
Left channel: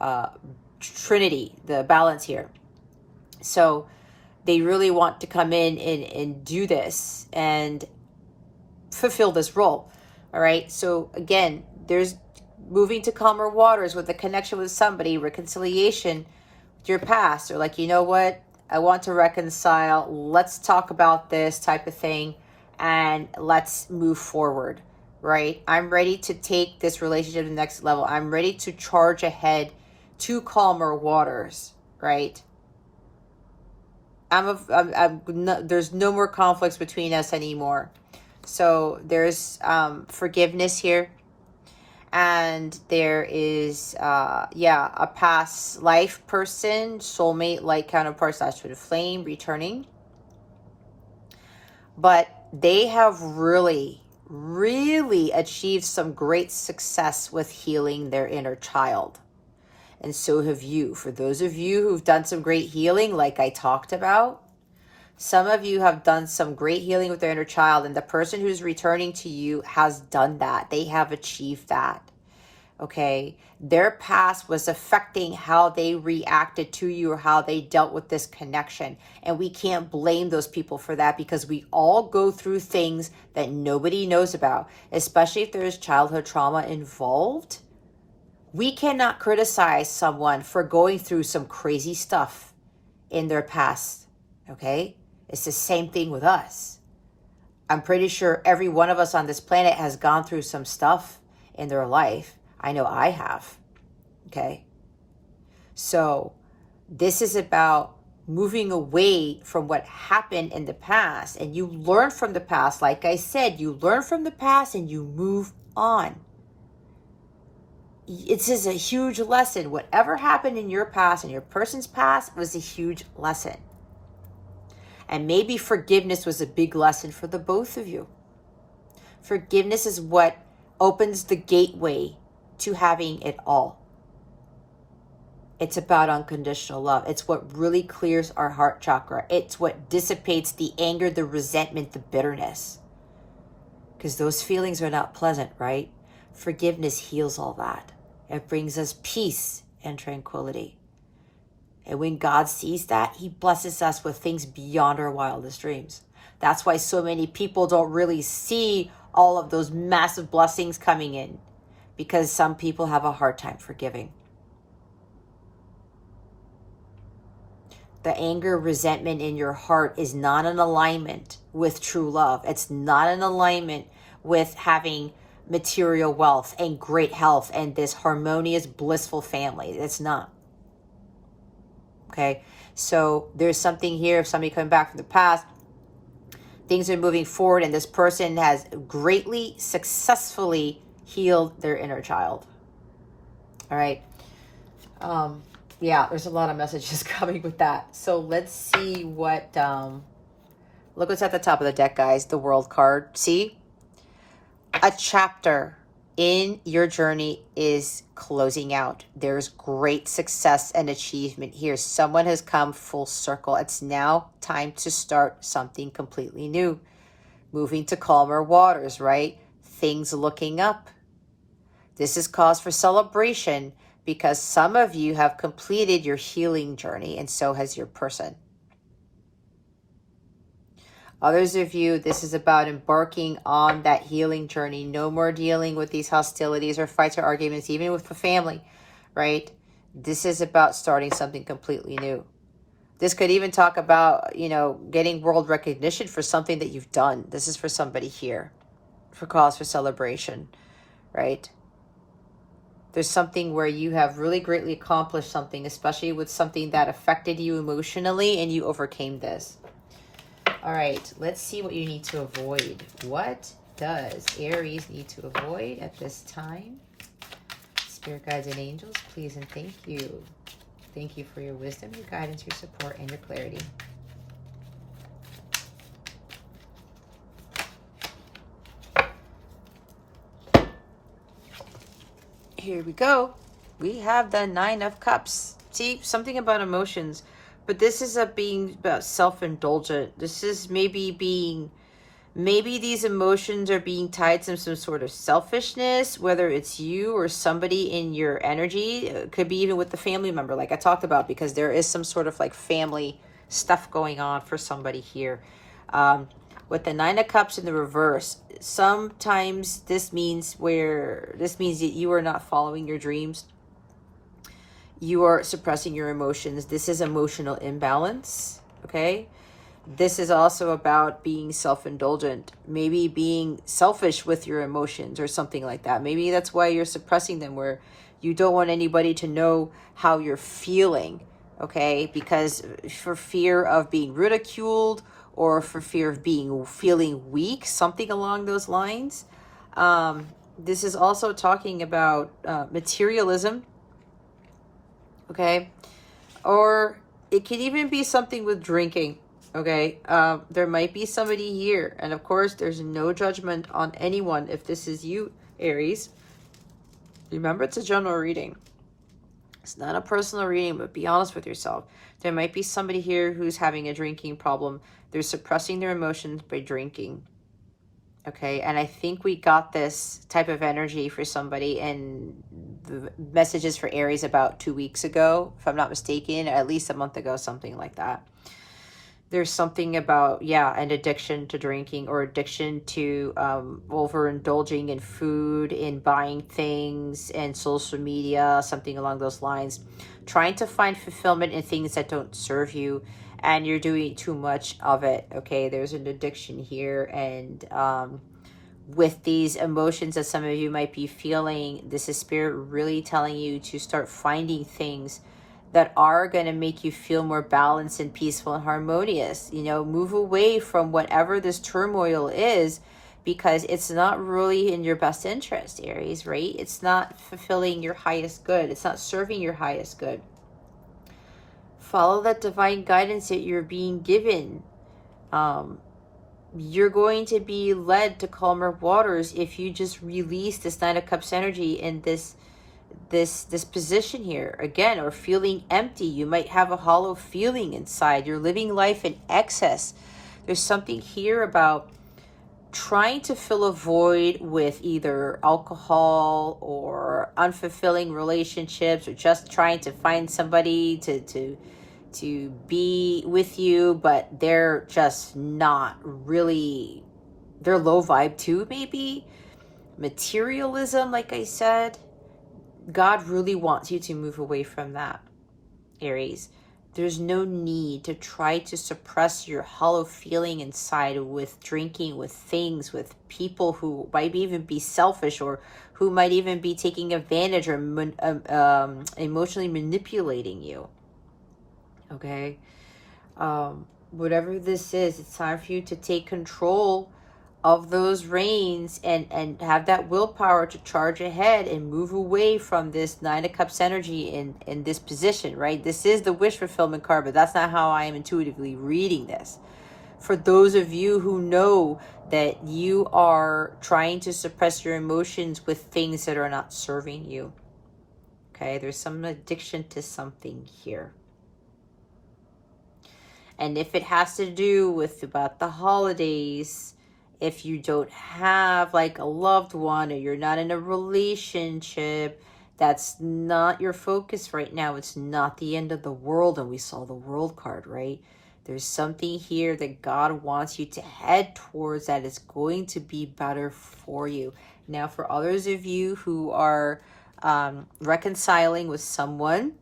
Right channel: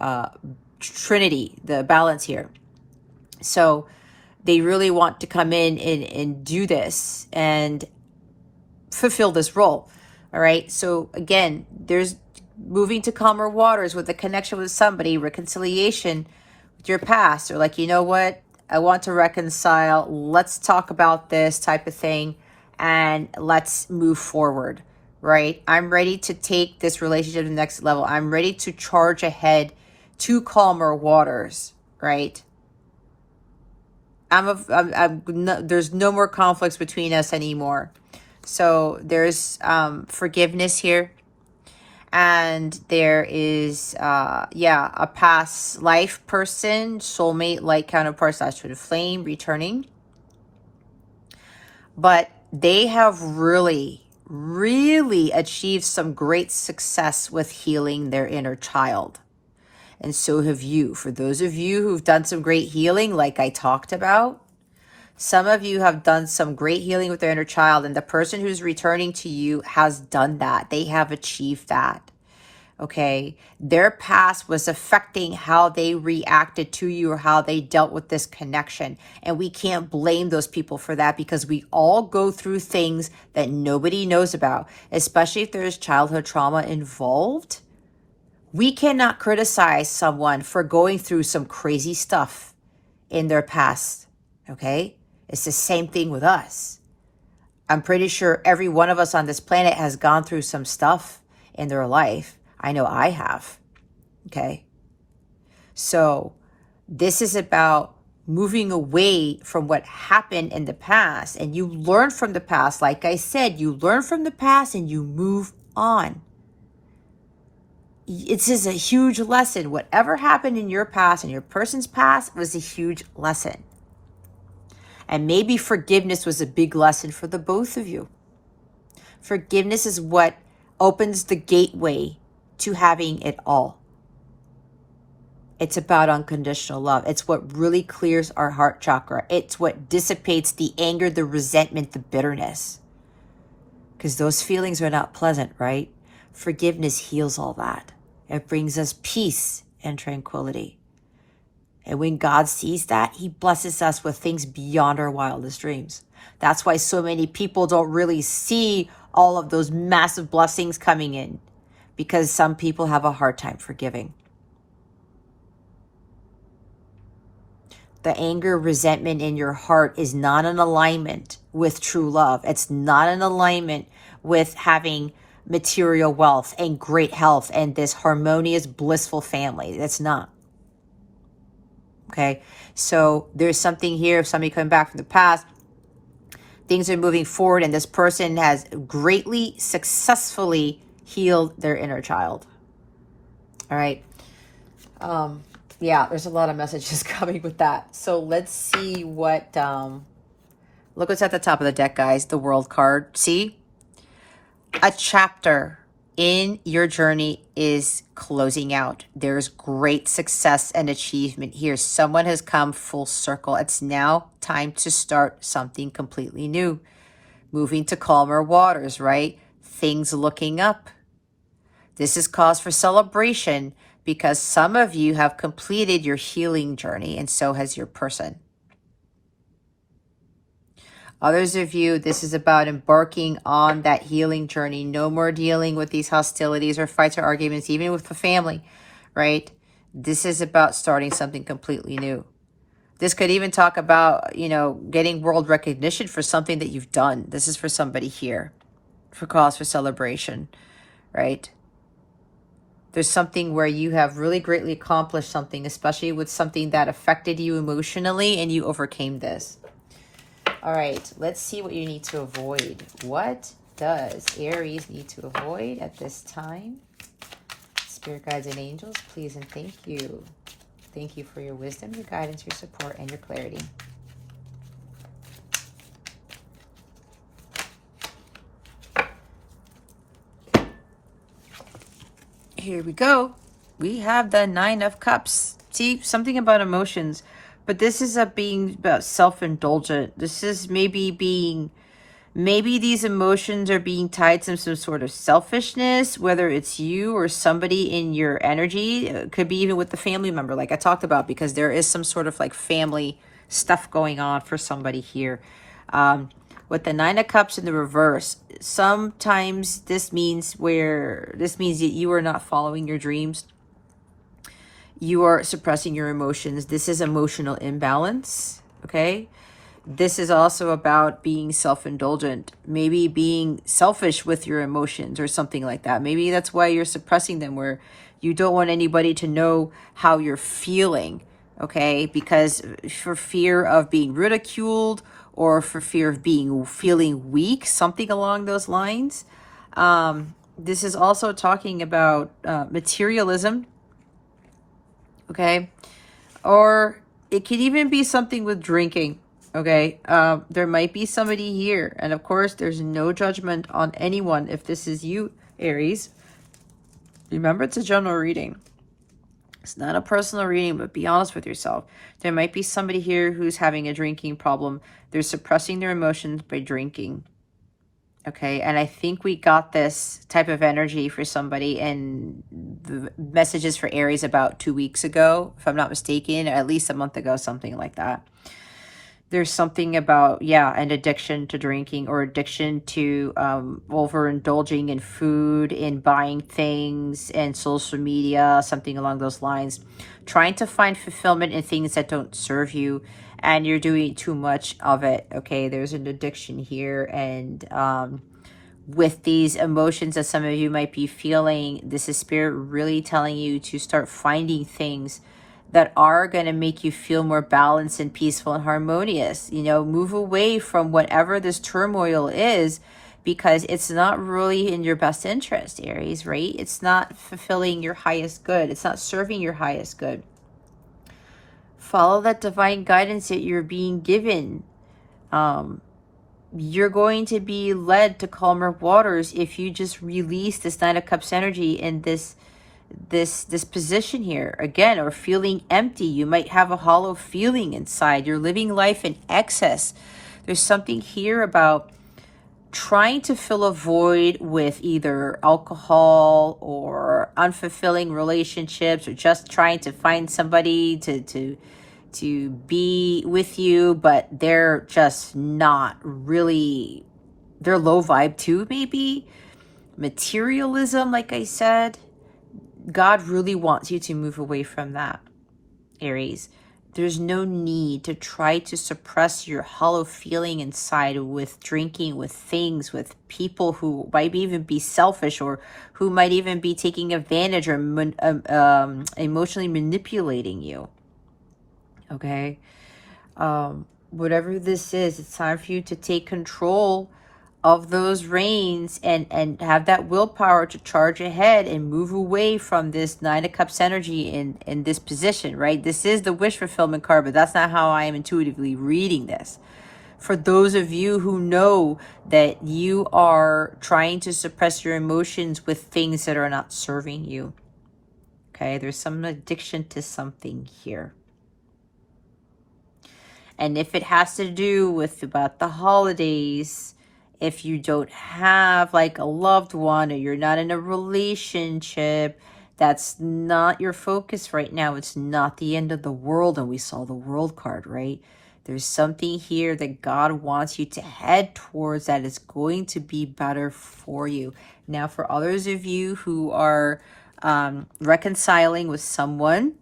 trinity, the balance here. So they really want to come in and do this and fulfill this role. All right. So again, there's moving to calmer waters with a connection with somebody, reconciliation with your past, or like, you know what, I want to reconcile. Let's talk about this type of thing and let's move forward. Right? I'm ready to take this relationship to the next level. I'm ready to charge ahead to calmer waters. Right? There's no more conflicts between us anymore. So there's forgiveness here. And there is, a past life person, soulmate, light counterpart, / twin flame returning. But they have really achieved some great success with healing their inner child. And so have you. For those of you who've done some great healing, like I talked about, some of you have done some great healing with their inner child, and the person who's returning to you has done that. They have achieved that. Okay, their past was affecting how they reacted to you or how they dealt with this connection. And we can't blame those people for that, because we all go through things that nobody knows about, especially if there's childhood trauma involved. We cannot criticize someone for going through some crazy stuff in their past. Okay, it's the same thing with us. I'm pretty sure every one of us on this planet has gone through some stuff in their life. I know I have. Okay. So this is about moving away from what happened in the past, and you learn from the past. Like I said, you learn from the past and you move on. It's just a huge lesson. Whatever happened in your past and your person's past was a huge lesson. And maybe forgiveness was a big lesson for the both of you. Forgiveness is what opens the gateway to having it all. It's about unconditional love. It's what really clears our heart chakra. It's what dissipates the anger, the resentment, the bitterness. Because those feelings are not pleasant, right? Forgiveness heals all that. It brings us peace and tranquility. And when God sees that, he blesses us with things beyond our wildest dreams. That's why so many people don't really see all of those massive blessings coming in, because some people have a hard time forgiving. The anger, resentment in your heart is not in alignment with true love. It's not in alignment with having material wealth and great health and this harmonious, blissful family. It's not. Okay? So there's something here of somebody coming back from the past. Things are moving forward, and this person has greatly, successfully healed their inner child. All right. Yeah, there's a lot of messages coming with that. So let's see what, look what's at the top of the deck, guys. The World card. See? A chapter in your journey is closing out. There's great success and achievement here. Someone has come full circle. It's now time to start something completely new. Moving to calmer waters, right? Things looking up. This is cause for celebration because some of you have completed your healing journey, and so has your person. Others of you, this is about embarking on that healing journey. No more dealing with these hostilities or fights or arguments, even with the family, right? This is about starting something completely new. This could even talk about, getting world recognition for something that you've done. This is for somebody here, for cause for celebration, right? There's something where you have really greatly accomplished something, especially with something that affected you emotionally, and you overcame this. All right, let's see what you need to avoid. What does Aries need to avoid at this time? Spirit guides and angels, please and thank you. Thank you for your wisdom, your guidance, your support, and your clarity. Here we go. We have the Nine of Cups. See, something about emotions, but this is being about self-indulgent. This is maybe these emotions are being tied to some sort of selfishness, whether it's you or somebody in your energy. It could be even with the family member, like I talked about, because there is some sort of like family stuff going on for somebody here. With the Nine of Cups in the reverse, sometimes this means that you are not following your dreams. You are suppressing your emotions. This is emotional imbalance, okay? This is also about being self-indulgent, maybe being selfish with your emotions or something like that. Maybe that's why you're suppressing them, where you don't want anybody to know how you're feeling, okay? Because for fear of being ridiculed or for fear of feeling weak, something along those lines. This is also talking about materialism, okay? Or it could even be something with drinking, okay? There might be somebody here, and of course, there's no judgment on anyone if this is you, Aries. Remember, it's a general reading. It's not a personal reading, but be honest with yourself. There might be somebody here who's having a drinking problem. They're suppressing their emotions by drinking. Okay, and I think we got this type of energy for somebody in the messages for Aries about 2 weeks ago, if I'm not mistaken, or at least a month ago, something like that. There's something about, yeah, an addiction to drinking or addiction to overindulging in food, in buying things, and social media, something along those lines. Trying to find fulfillment in things that don't serve you, and you're doing too much of it, okay? There's an addiction here, and with these emotions that some of you might be feeling, this is Spirit really telling you to start finding things that are going to make you feel more balanced and peaceful and harmonious. You know, move away from whatever this turmoil is, because it's not really in your best interest, Aries, right? It's not fulfilling your highest good. It's not serving your highest good. Follow that divine guidance that you're being given. You're going to be led to calmer waters if you just release this Nine of Cups energy in this position here again, or feeling empty. You might have a hollow feeling inside. You're living life in excess. There's something here about trying to fill a void with either alcohol or unfulfilling relationships, or just trying to find somebody to be with you, but they're just not really, they're low vibe too, maybe. Materialism, like I said. God really wants you to move away from that, Aries. There's no need to try to suppress your hollow feeling inside with drinking, with things, with people who might even be selfish, or who might even be taking advantage or emotionally manipulating you. Okay? Whatever this is, it's time for you to take control of those reins and have that willpower to charge ahead and move away from this Nine of Cups energy in this position, right? This is the wish fulfillment card, but that's not how I am intuitively reading this. For those of you who know that you are trying to suppress your emotions with things that are not serving you, okay? There's some addiction to something here. And if it has to do with about the holidays, if you don't have like a loved one, or you're not in a relationship, that's not your focus right now. It's not the end of the world. And we saw the World card, right? There's something here that God wants you to head towards that is going to be better for you. Now, for others of you who are reconciling with someone,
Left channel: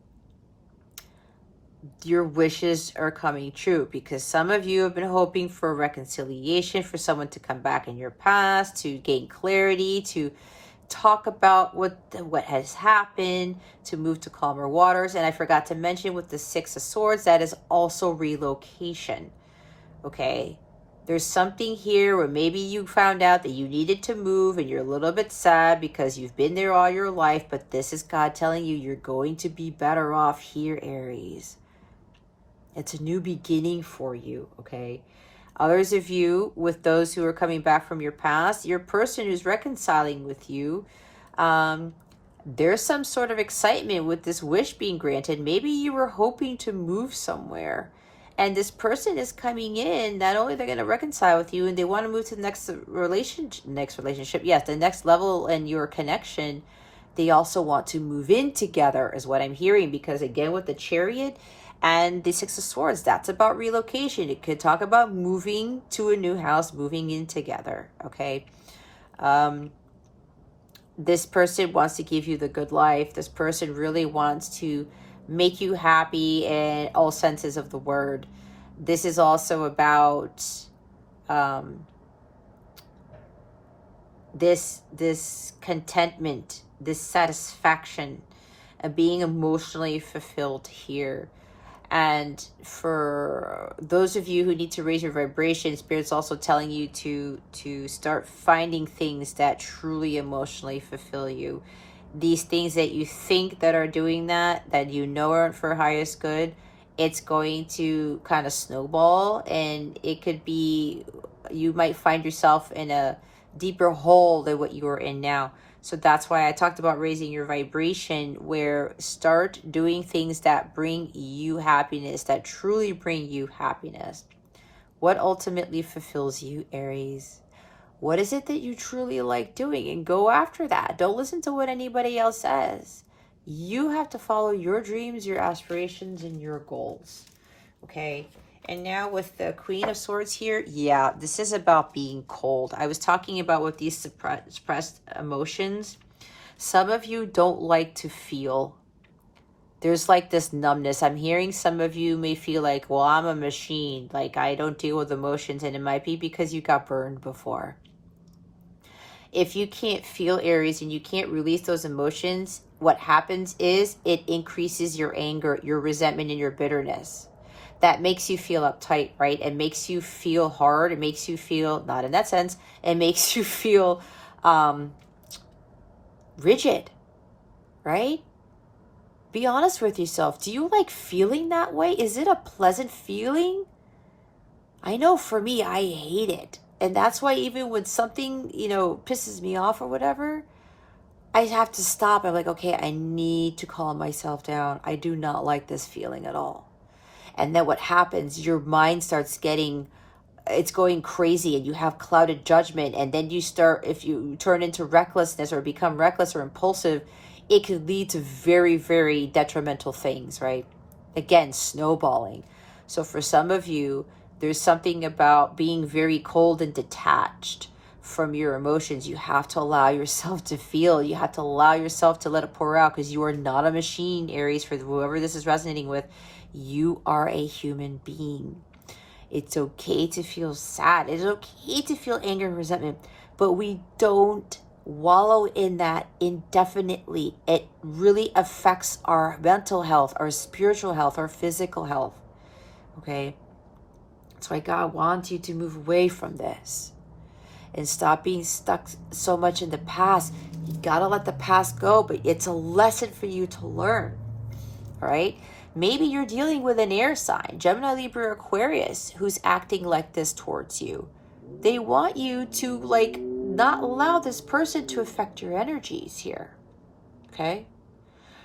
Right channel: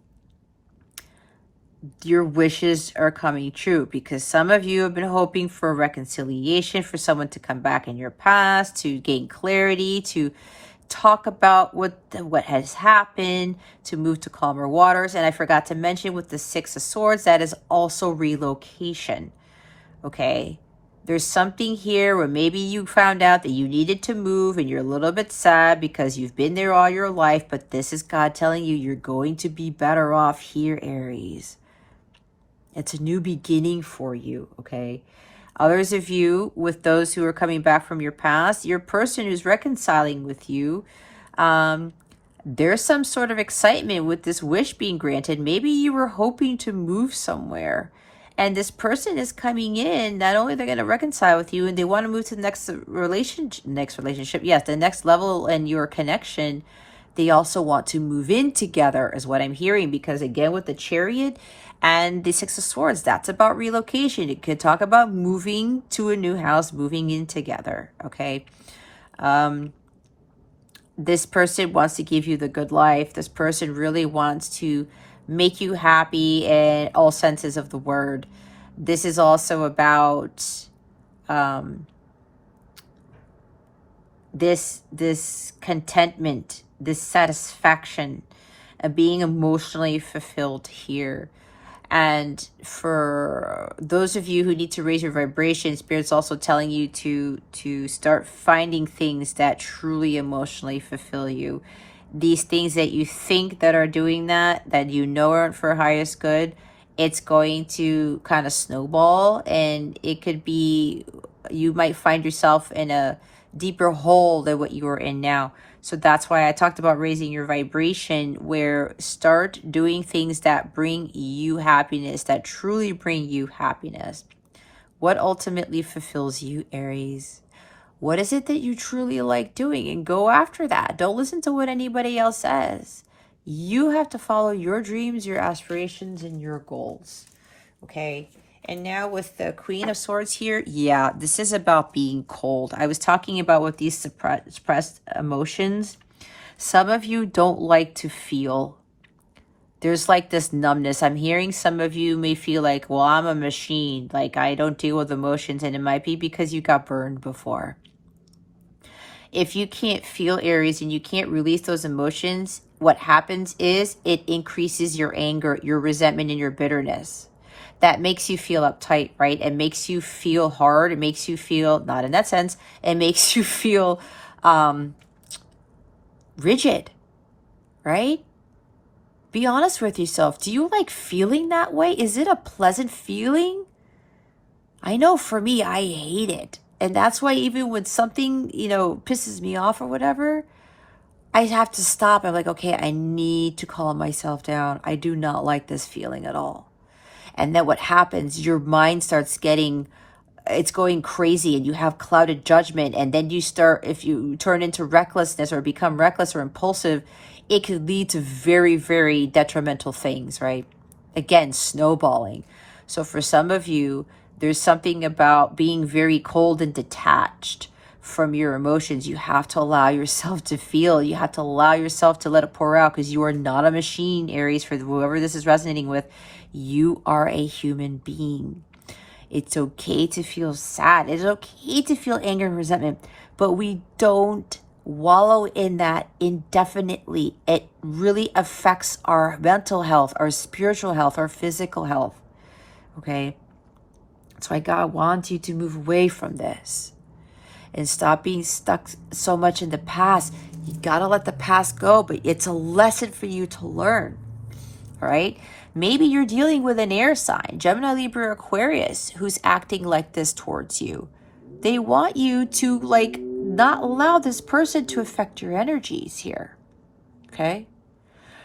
your wishes are coming true, because some of you have been hoping for reconciliation, for someone to come back in your past, to gain clarity, to talk about what has happened, to move to calmer waters. And I forgot to mention with the Six of Swords, that is also relocation. Okay, There's something here where maybe you found out that you needed to move and you're a little bit sad because you've been there all your life, but this is God telling you you're going to be better off here, Aries. It's a new beginning for you, okay? Others of you, with those who are coming back from your past, your person who's reconciling with you, there's some sort of excitement with this wish being granted. Maybe you were hoping to move somewhere, and this person is coming in. Not only they're going to reconcile with you, and they want to move to the next relationship, yes, the next level in your connection. They also want to move in together, is what I'm hearing, because again, with the Chariot and the Six of Swords, that's about relocation. It could talk about moving to a new house, moving in together, okay? This person wants to give you the good life. This person really wants to make you happy in all senses of the word. This is also about this contentment, this satisfaction of being emotionally fulfilled here. And for those of you who need to raise your vibration, Spirit's also telling you to start finding things that truly emotionally fulfill you. These things that you think that are doing that you know aren't for highest good, it's going to kind of snowball, and it could be, you might find yourself in a deeper hole than what you are in now. So that's why I talked about raising your vibration, where start doing things that bring you happiness, that truly bring you happiness. What ultimately fulfills you, Aries? What is it that you truly like doing? And go after that. Don't listen to what anybody else says. You have to follow your dreams, your aspirations, and your goals. Okay? And now with the Queen of Swords here, yeah, this is about being cold. I was talking about with these suppressed emotions. Some of you don't like to feel. There's like this numbness. I'm hearing some of you may feel like, well, I'm a machine. Like, I don't deal with emotions. And it might be because you got burned before. If you can't feel, Aries, and you can't release those emotions, what happens is it increases your anger, your resentment, and your bitterness. That makes you feel uptight, right? It makes you feel hard. It makes you feel, not in that sense, it makes you feel rigid, right? Be honest with yourself. Do you like feeling that way? Is it a pleasant feeling? I know for me, I hate it. And that's why even when something, pisses me off or whatever, I have to stop. I'm like, okay, I need to calm myself down. I do not like this feeling at all. And then what happens, your mind starts it's going crazy, and you have clouded judgment. And then if you turn into recklessness or become reckless or impulsive, it could lead to very, very detrimental things, right? Again, snowballing. So for some of you, there's something about being very cold and detached from your emotions. You have to allow yourself to feel. You have to allow yourself to let it pour out, because you are not a machine, Aries. For whoever this is resonating with, you are a human being. It's okay to feel sad. It's okay to feel anger and resentment, but we don't wallow in that indefinitely. It really affects our mental health, our spiritual health, our physical health. Okay? That's why God wants you to move away from this and stop being stuck so much in the past. You gotta let the past go, but it's a lesson for you to learn. All right? Maybe you're dealing with an air sign, Gemini, Libra, Aquarius, who's acting like this towards you. They want you to not allow this person to affect your energies here. Okay?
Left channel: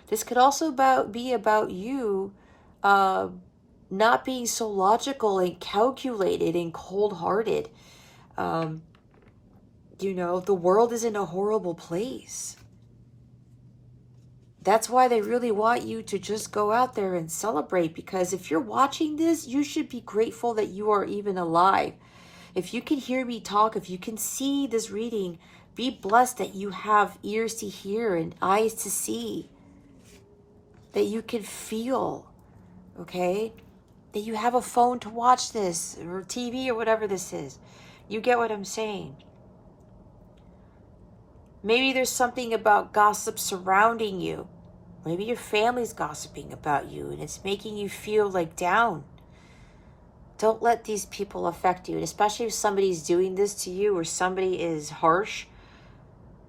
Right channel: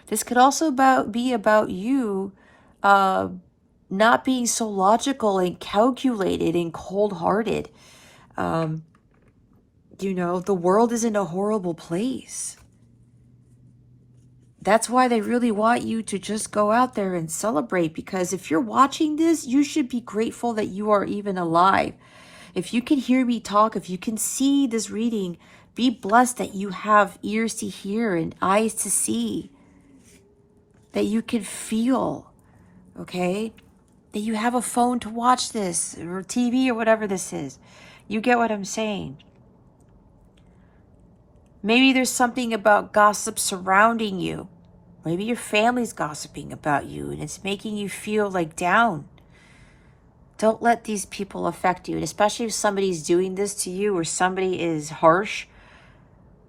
This could also be about you not being so logical and calculated and cold-hearted. The world is in a horrible place. That's why they really want you to just go out there and celebrate, because if you're watching this, you should be grateful that you are even alive. If you can hear me talk, if you can see this reading, be blessed that you have ears to hear and eyes to see, that you can feel, okay? That you have a phone to watch this, or TV, or whatever this is. You get what I'm saying? Maybe there's something about gossip surrounding you. Maybe your family's gossiping about you, and it's making you feel down. Don't let these people affect you. And especially if somebody's doing this to you, or somebody is harsh,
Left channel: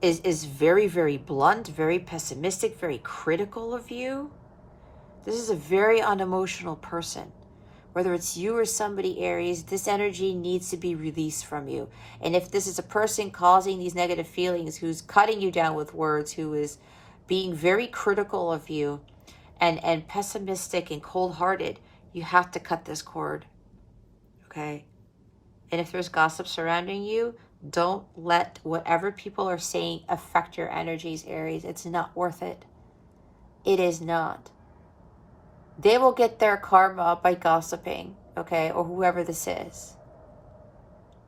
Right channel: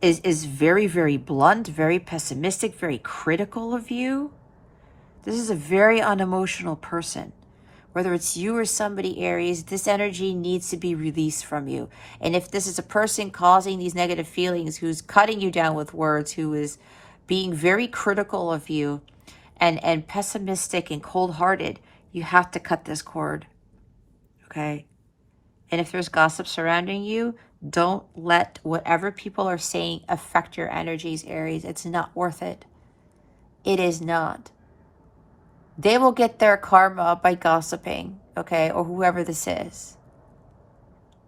is very, very blunt, very pessimistic, very critical of you. This is a very unemotional person. Whether it's you or somebody, Aries, this energy needs to be released from you. And if this is a person causing these negative feelings, who's cutting you down with words, who is being very critical of you and pessimistic and cold-hearted, you have to cut this cord, okay? And if there's gossip surrounding you, don't let whatever people are saying affect your energies, Aries. It's not worth it. It is not. They will get their karma by gossiping, okay, or whoever this is.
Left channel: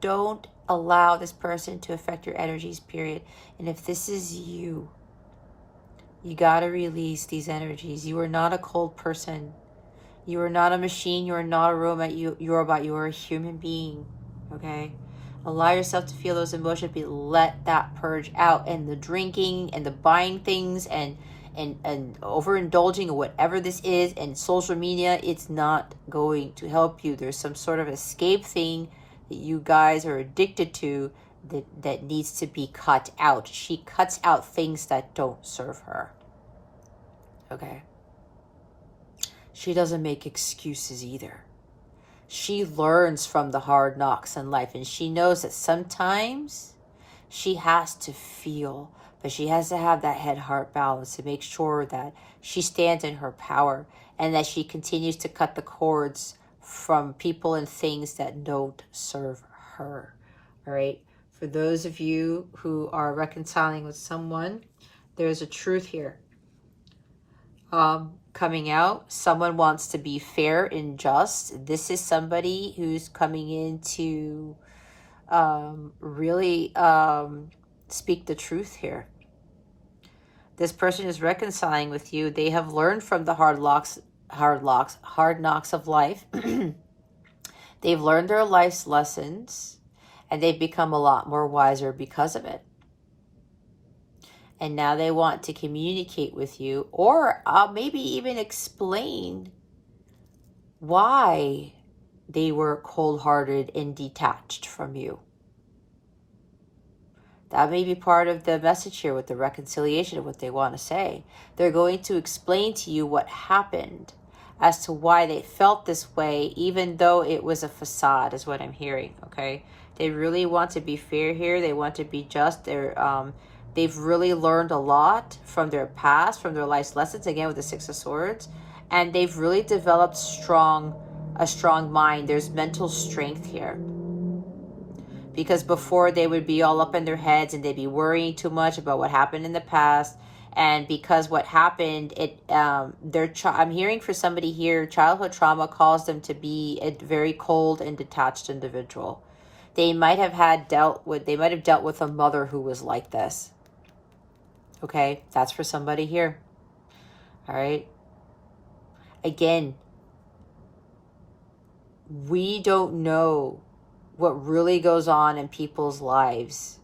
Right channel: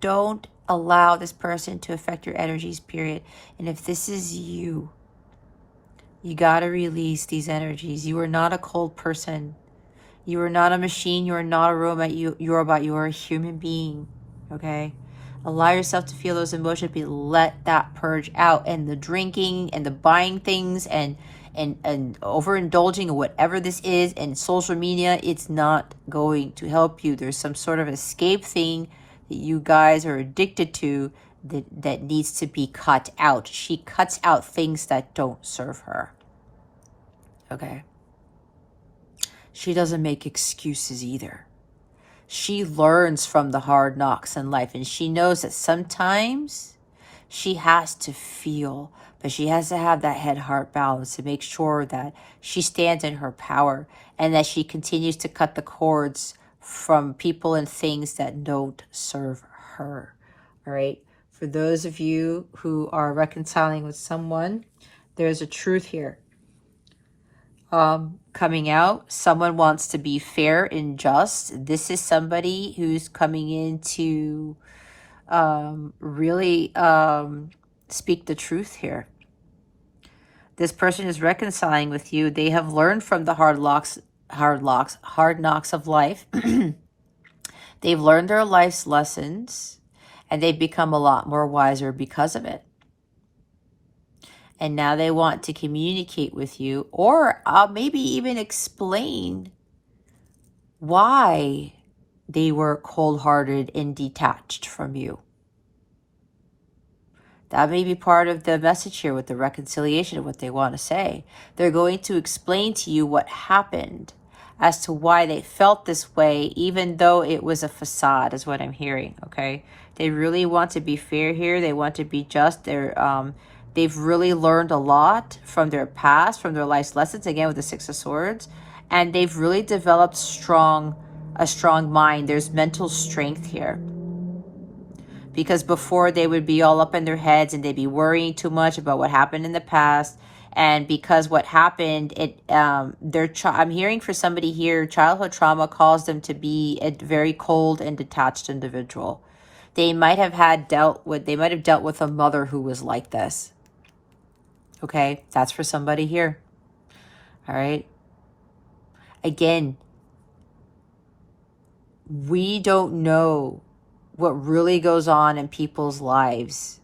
Don't allow this person to affect your energies, period. And if this is you, you got to release these energies. You are not a cold person. You are not a machine. You are not a robot. You are a human being, okay? Allow yourself to feel those emotions, but let that purge out. And the drinking and the buying things and overindulging in whatever this is, and social media, it's not going to help you. There's some sort of escape thing that you guys are addicted to that needs to be cut out. She cuts out things that don't serve her, okay? She doesn't make excuses either. She learns from the hard knocks in life, and she knows that sometimes she has to feel, but she has to have that head-heart balance to make sure that she stands in her power and that she continues to cut the cords from people and things that don't serve her. All right? For those of you who are reconciling with someone, there's a truth here coming out. Someone wants to be fair and just. This is somebody who's coming in to really speak the truth here. This person is reconciling with you. They have learned from the hard knocks of life. They've learned their life's lessons, and they've become a lot more wiser because of it. And now they want to communicate with you, or maybe even explain why they were cold-hearted and detached from you. That may be part of the message here with the reconciliation of what they want to say. They're going to explain to you what happened as to why they felt this way, even though it was a facade, is what I'm hearing, okay? They really want to be fair here. They want to be just. They've really learned a lot from their past, from their life's lessons, again with the Six of Swords, and they've really developed a strong mind. There's mental strength here. Because before they would be all up in their heads and they'd be worrying too much about what happened in the past. And because what happened, I'm hearing for somebody here, childhood trauma caused them to be a very cold and detached individual. They might have dealt with a mother who was like this. Okay, that's for somebody here. All right. Again, we don't know what really goes on in people's lives.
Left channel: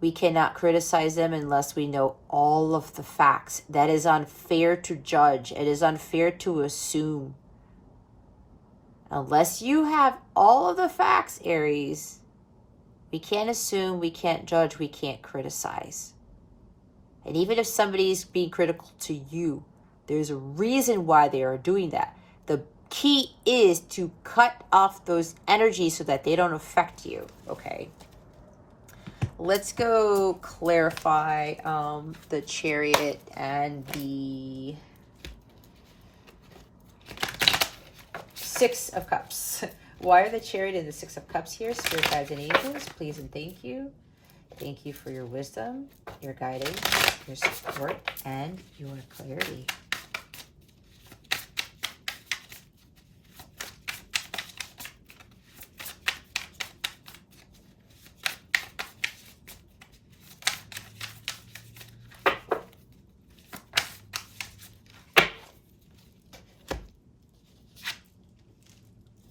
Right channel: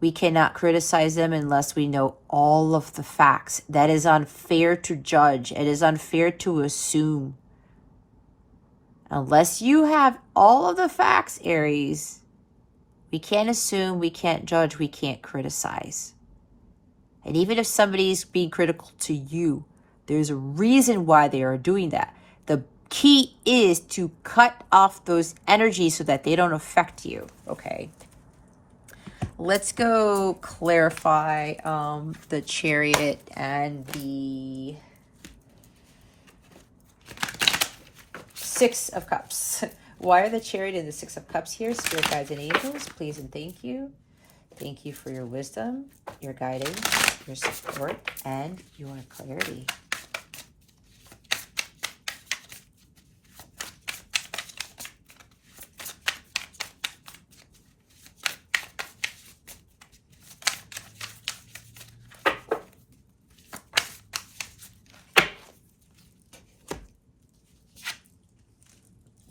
We cannot criticize them unless we know all of the facts. That is unfair to judge. It is unfair to assume. Unless you have all of the facts, Aries, we can't assume, we can't judge, we can't criticize. And even if somebody's being critical to you, there's a reason why they are doing that. The key is to cut off those energies so that they don't affect you, okay? Let's go clarify the Chariot and the Six of Cups. Why are the Chariot and the Six of Cups here? Spirit guides and angels, please and thank you. Thank you for your wisdom, your guidance, your support, and your clarity.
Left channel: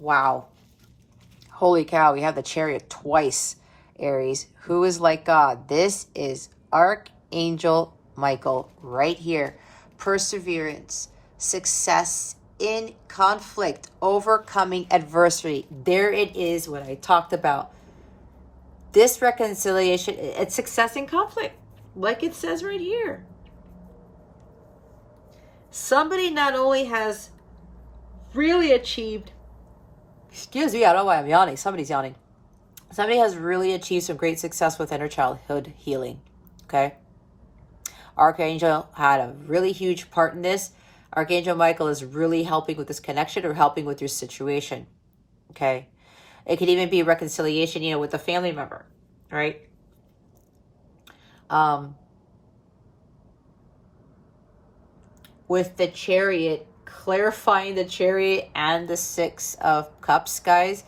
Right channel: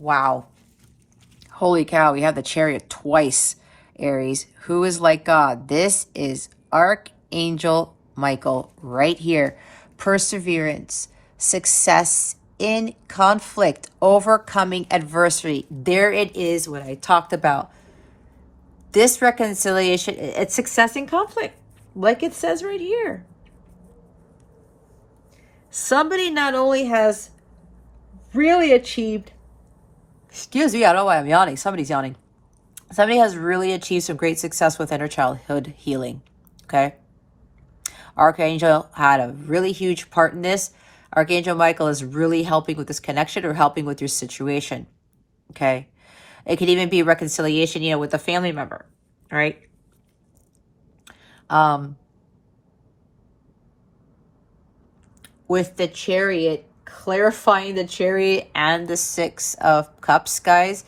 Wow. Holy cow, we have the Chariot twice, Aries. Who is like God? This is Archangel Michael right here. Perseverance, success in conflict, overcoming adversity. There it is, what I talked about. This reconciliation, it's success in conflict, like it says right here. Somebody not only has really achieved, excuse me, I don't know why I'm yawning. Somebody's yawning. Somebody has really achieved some great success with inner childhood healing. Okay. Archangel had a really huge part in this. Archangel Michael is really helping with this connection or helping with your situation. Okay. It could even be reconciliation, you know, with a family member. All right. With the Chariot, clarifying the Chariot and the Six of Cups, guys.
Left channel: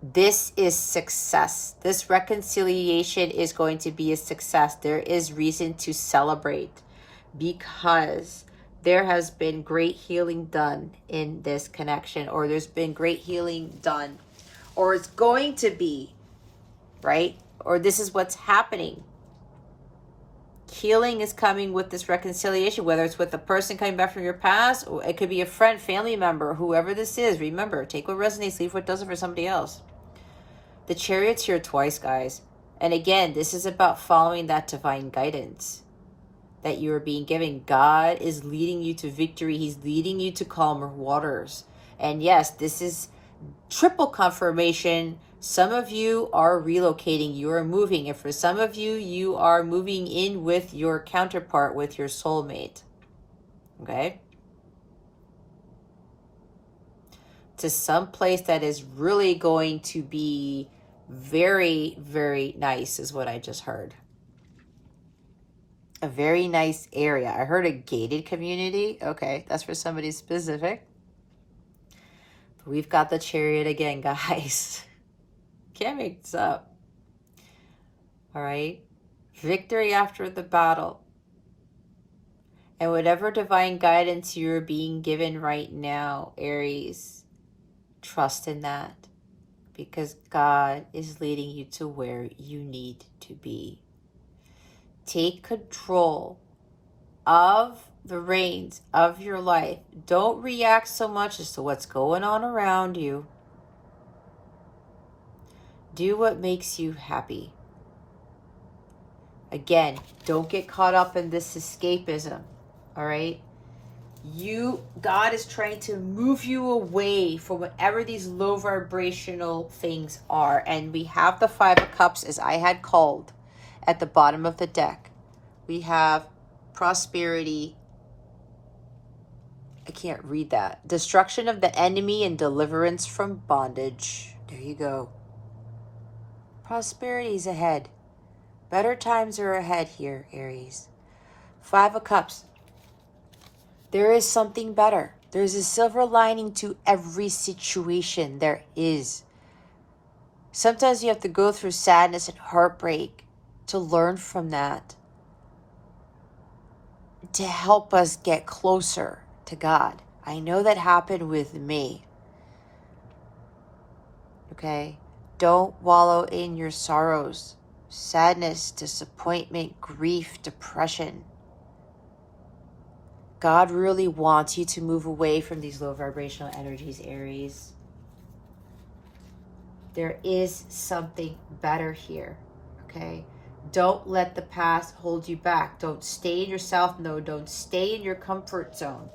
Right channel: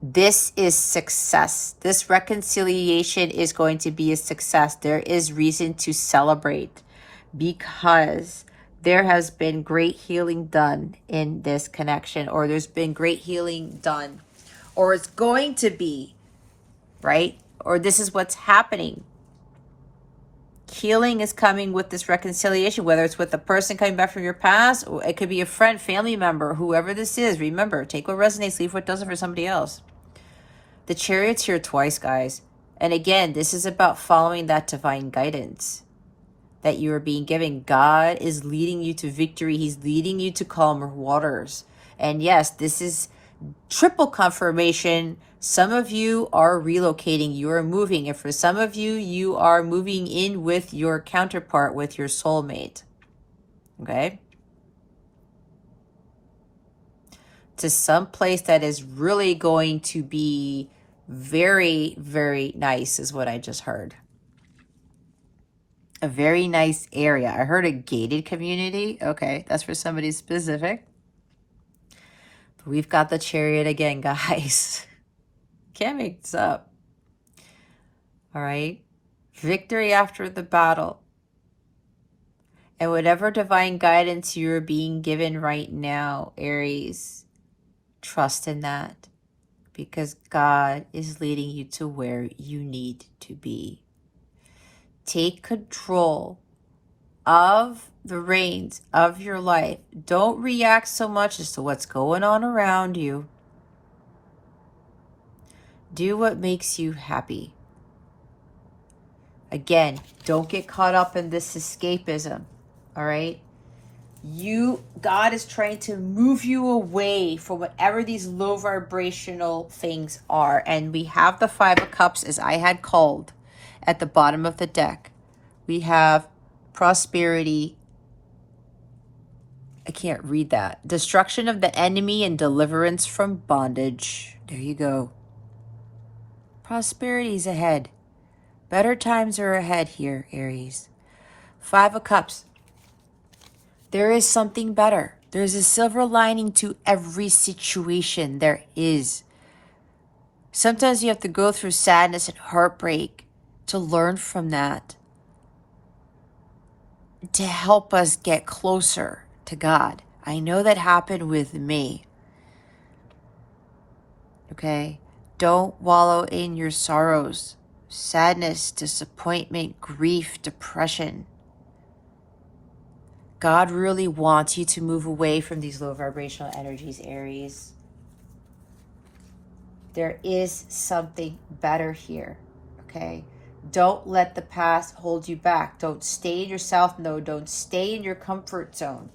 This is success. This reconciliation is going to be a success. There is reason to celebrate because there has been great healing done in this connection, or there's been great healing done, or it's going to be, right? Or this is what's happening. Healing is coming with this reconciliation, whether it's with a person coming back from your past, or it could be a friend, family member, whoever this is. Remember, take what resonates, leave what doesn't for somebody else. The Chariot's here twice, guys. And again, this is about following that divine guidance that you are being given. God is leading you to victory. He's leading you to calmer waters. And yes, this is triple confirmation. Some of you are relocating, you are moving. And for some of you, you are moving in with your counterpart, with your soulmate. Okay? To some place that is really going to be very, very nice is what I just heard. A very nice area. I heard a gated community. Okay, that's for somebody specific. We've got the Chariot again, guys. Can't make this up. All right. Victory after the battle. And whatever divine guidance you're being given right now, Aries, trust in that. Because God is leading you to where you need to be. Take control of the reins of your life. Don't react so much as to what's going on around you. Do what makes you happy. Again, don't get caught up in this escapism. All right? God is trying to move you away from whatever these low vibrational things are. And we have the Five of Cups, as I had called at the bottom of the deck. We have prosperity. I can't read that. Destruction of the enemy and deliverance from bondage. There you go. Prosperity's ahead. Better times are ahead here, Aries. Five of Cups. There is something better. There's a silver lining to every situation. There is. Sometimes you have to go through sadness and heartbreak to learn from that, to help us get closer to God. I know that happened with me. Okay? Don't wallow in your sorrows, sadness, disappointment, grief, depression. God really wants you to move away from these low vibrational energies, Aries. There is something better here, okay? Don't let the past hold you back. Don't stay in yourself. No, don't stay in your comfort zone.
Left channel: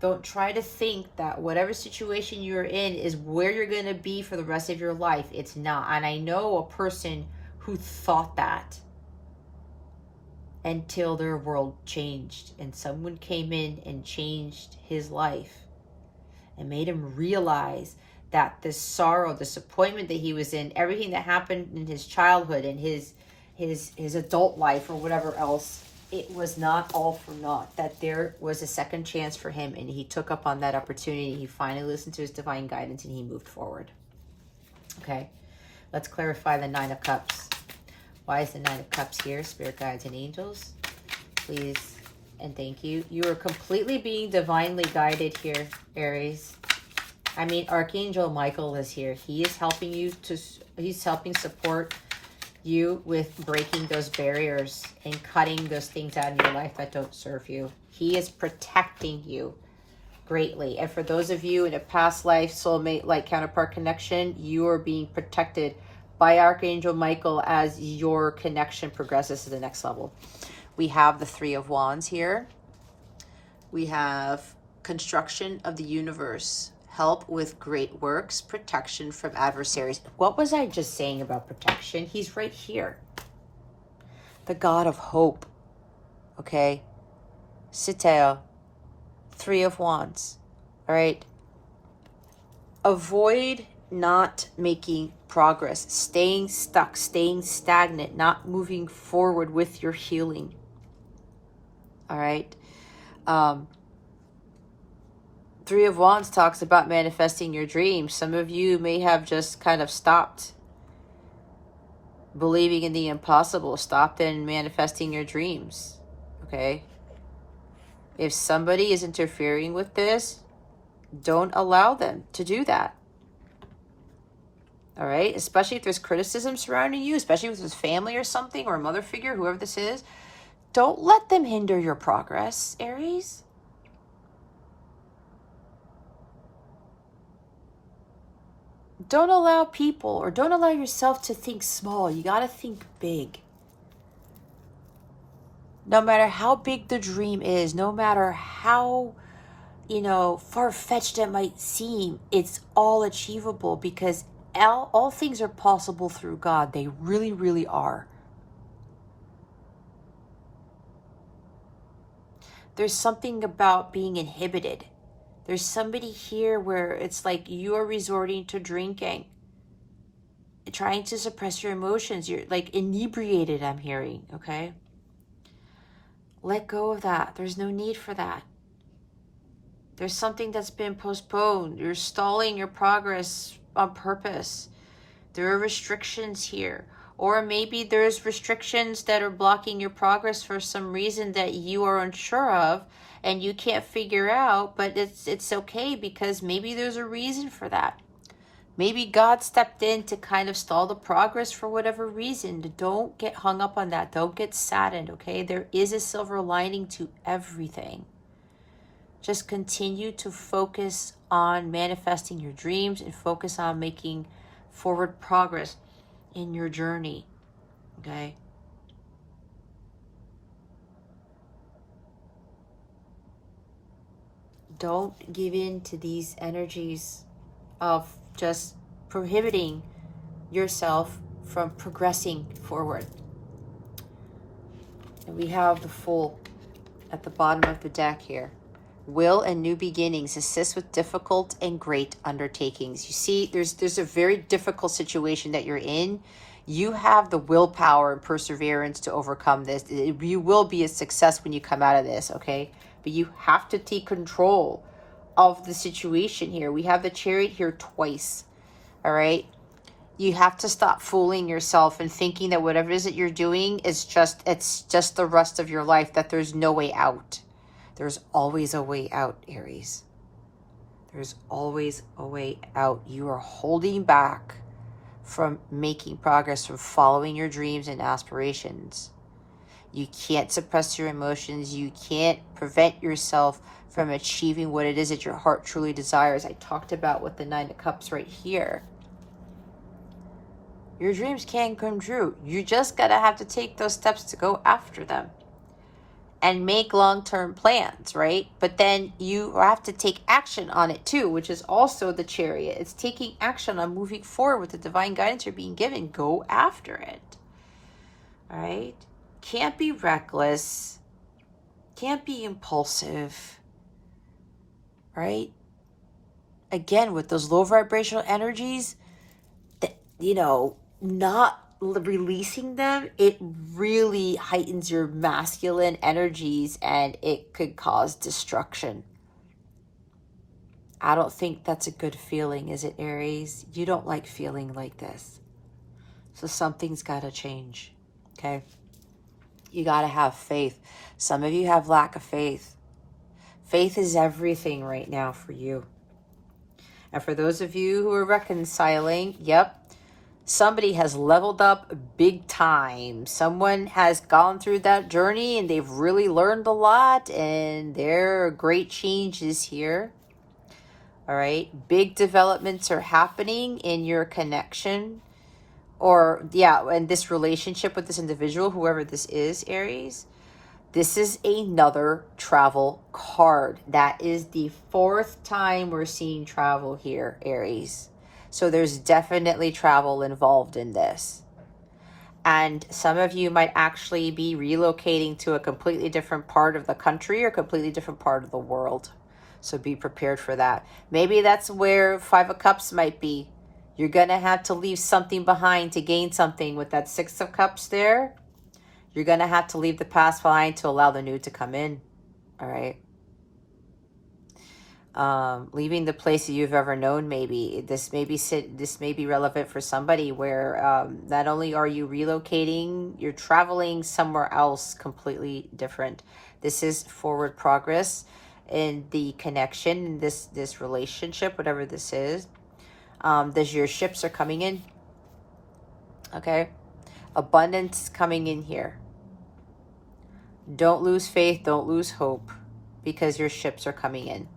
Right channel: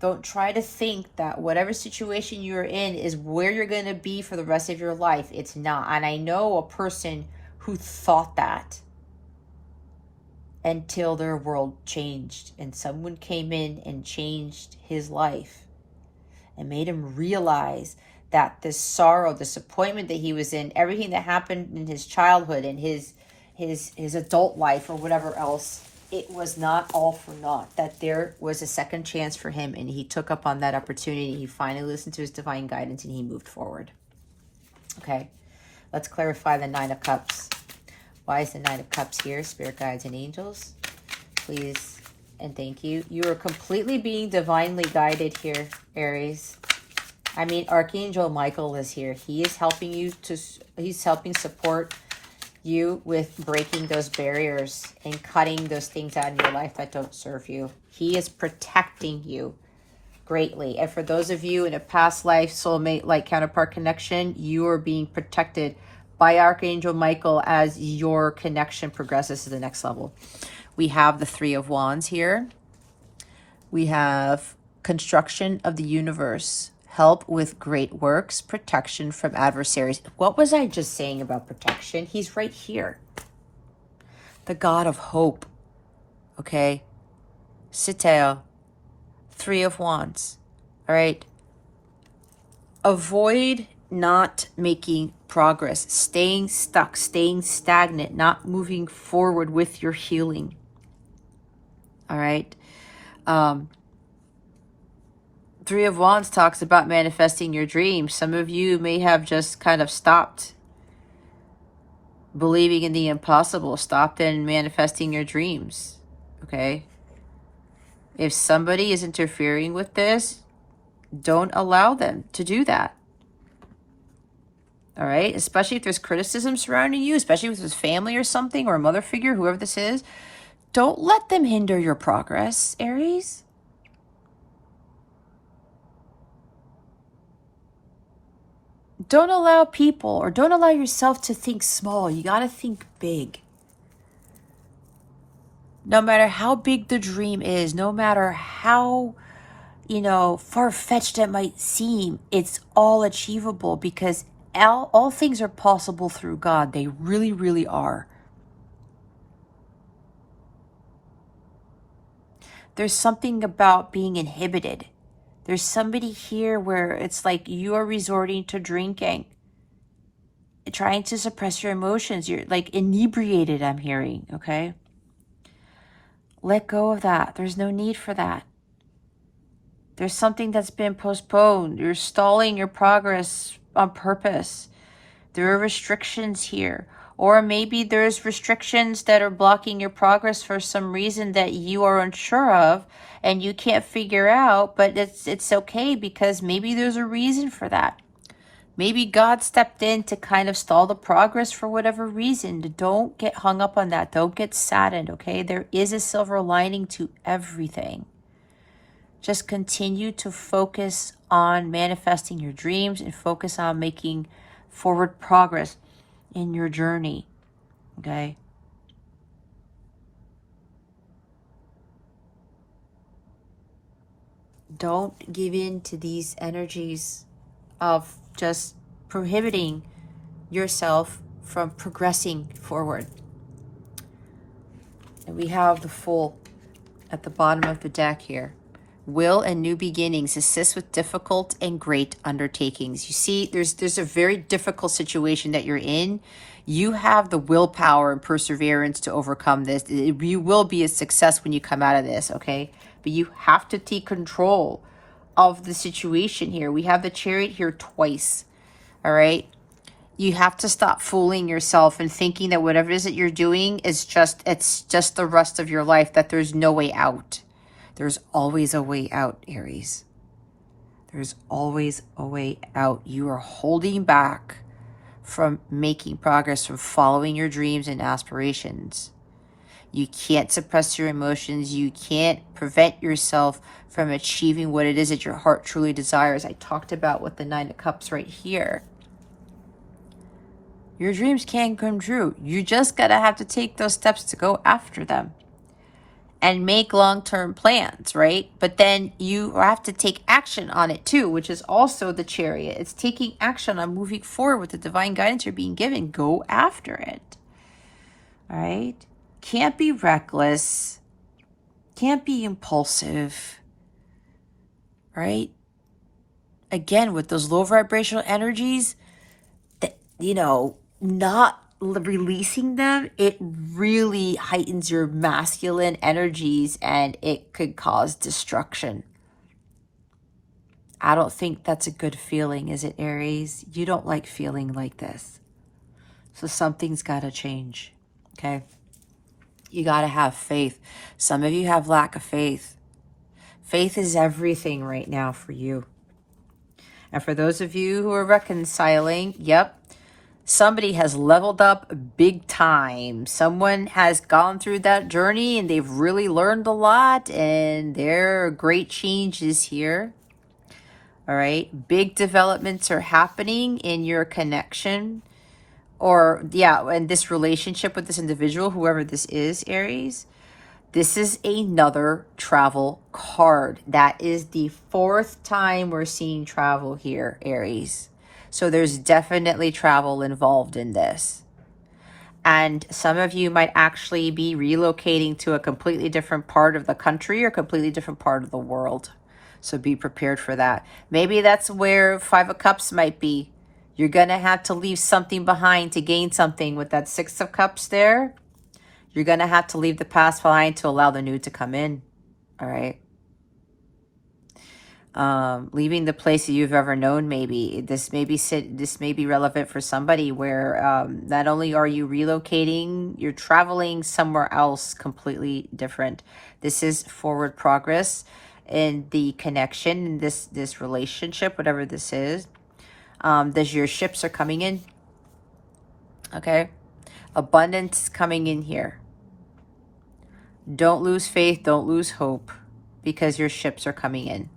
Don't try to think that whatever situation you're in is where you're going to be for the rest of your life. It's not. And I know a person who thought that until their world changed and someone came in and changed his life and made him realize that this sorrow, disappointment that he was in, everything that happened in his childhood and his adult life or whatever else, it was not all for naught, that there was a second chance for him, and he took up on that opportunity. He finally listened to his divine guidance and he moved forward. Okay, let's clarify the Nine of Cups. Why is the Nine of Cups here? Spirit guides and angels, please and thank you. You are completely being divinely guided here, Aries. I mean, Archangel Michael is here. He is helping you he's helping support you with breaking those barriers and cutting those things out of your life that don't serve you. He is protecting you greatly. And for those of you in a past life soulmate like counterpart connection, you are being protected by Archangel Michael as your connection progresses to the next level. We have the Three of Wands here. We have construction of the universe, help with great works, protection from adversaries. What was I just saying about protection? He's right here. The God of hope. Okay. Sitea. Three of Wands. All right. Avoid not making progress, staying stuck, staying stagnant, not moving forward with your healing. All right. Three of Wands talks about manifesting your dreams. Some of you may have just kind of stopped believing in the impossible, stopped in manifesting your dreams. Okay. If somebody is interfering with this, don't allow them to do that. All right. Especially if there's criticism surrounding you, especially if it's family or something, or a mother figure, whoever this is, don't let them hinder your progress, Aries. Don't allow people, or don't allow yourself to think small. You got to think big. No matter how big the dream is, no matter how, far-fetched it might seem, it's all achievable, because all things are possible through God. They really, really are. There's something about being inhibited. There's somebody here where it's like you're resorting to drinking, trying to suppress your emotions. You're like inebriated, I'm hearing, okay? Let go of that. There's no need for that. There's something that's been postponed. You're stalling your progress on purpose. There are restrictions here. Or maybe there's restrictions that are blocking your progress for some reason that you are unsure of and you can't figure out, but it's okay, because maybe there's a reason for that. Maybe God stepped in to kind of stall the progress for whatever reason. Don't get hung up on that. Don't get saddened, okay? There is a silver lining to everything. Just continue to focus on manifesting your dreams and focus on making forward progress in your journey, okay? Don't give in to these energies of just prohibiting yourself from progressing forward. And we have the Fool at the bottom of the deck here. Will and new beginnings, assist with difficult and great undertakings. You see, there's a very difficult situation that you're in. You have the willpower and perseverance to overcome this. You will be a success when you come out of this, okay? But you have to take control of the situation here. We have the Chariot here twice, all right? You have to stop fooling yourself and thinking that whatever it is that you're doing is it's just the rest of your life, that there's no way out. There's always a way out, Aries. There's always a way out. You are holding back from making progress, from following your dreams and aspirations. You can't suppress your emotions. You can't prevent yourself from achieving what it is that your heart truly desires. I talked about with the Nine of Cups right here. Your dreams can come true. You just gotta have to take those steps to go after them and make long-term plans, right? But then you have to take action on it too, which is also the Chariot. It's taking action on moving forward with the divine guidance you're being given. Go after it, all right? Can't be reckless. Can't be impulsive, right? Again, with those low vibrational energies, that, not releasing them, it really heightens your masculine energies and it could cause destruction. I don't think that's a good feeling, is it, Aries? You don't like feeling like this. So something's got to change, okay? You got to have faith. Some of you have lack of faith. Faith is everything right now for you. And for those of you who are reconciling, yep, Somebody has leveled up big time. Someone has gone through that journey and they've really learned a lot, and their great change is here. All right. Big developments are happening in your connection, or yeah, in this relationship with this individual, whoever this is, Aries. This is another travel card. That is the 4th time we're seeing travel here, Aries. So there's definitely travel involved in this. And some of you might actually be relocating to a completely different part of the country or completely different part of the world. So be prepared for that. Maybe that's where 5 of Cups might be. You're going to have to leave something behind to gain something with that 6 of Cups there. You're going to have to leave the past behind to allow the new to come in. All right. Leaving the place that you've ever known, maybe. This may be relevant for somebody where not only are you relocating, you're traveling somewhere else completely different. This is forward progress in the connection, in this relationship, whatever this is. Your ships are coming in. Okay. Abundance is coming in here. Don't lose faith. Don't lose hope, because your ships are coming in.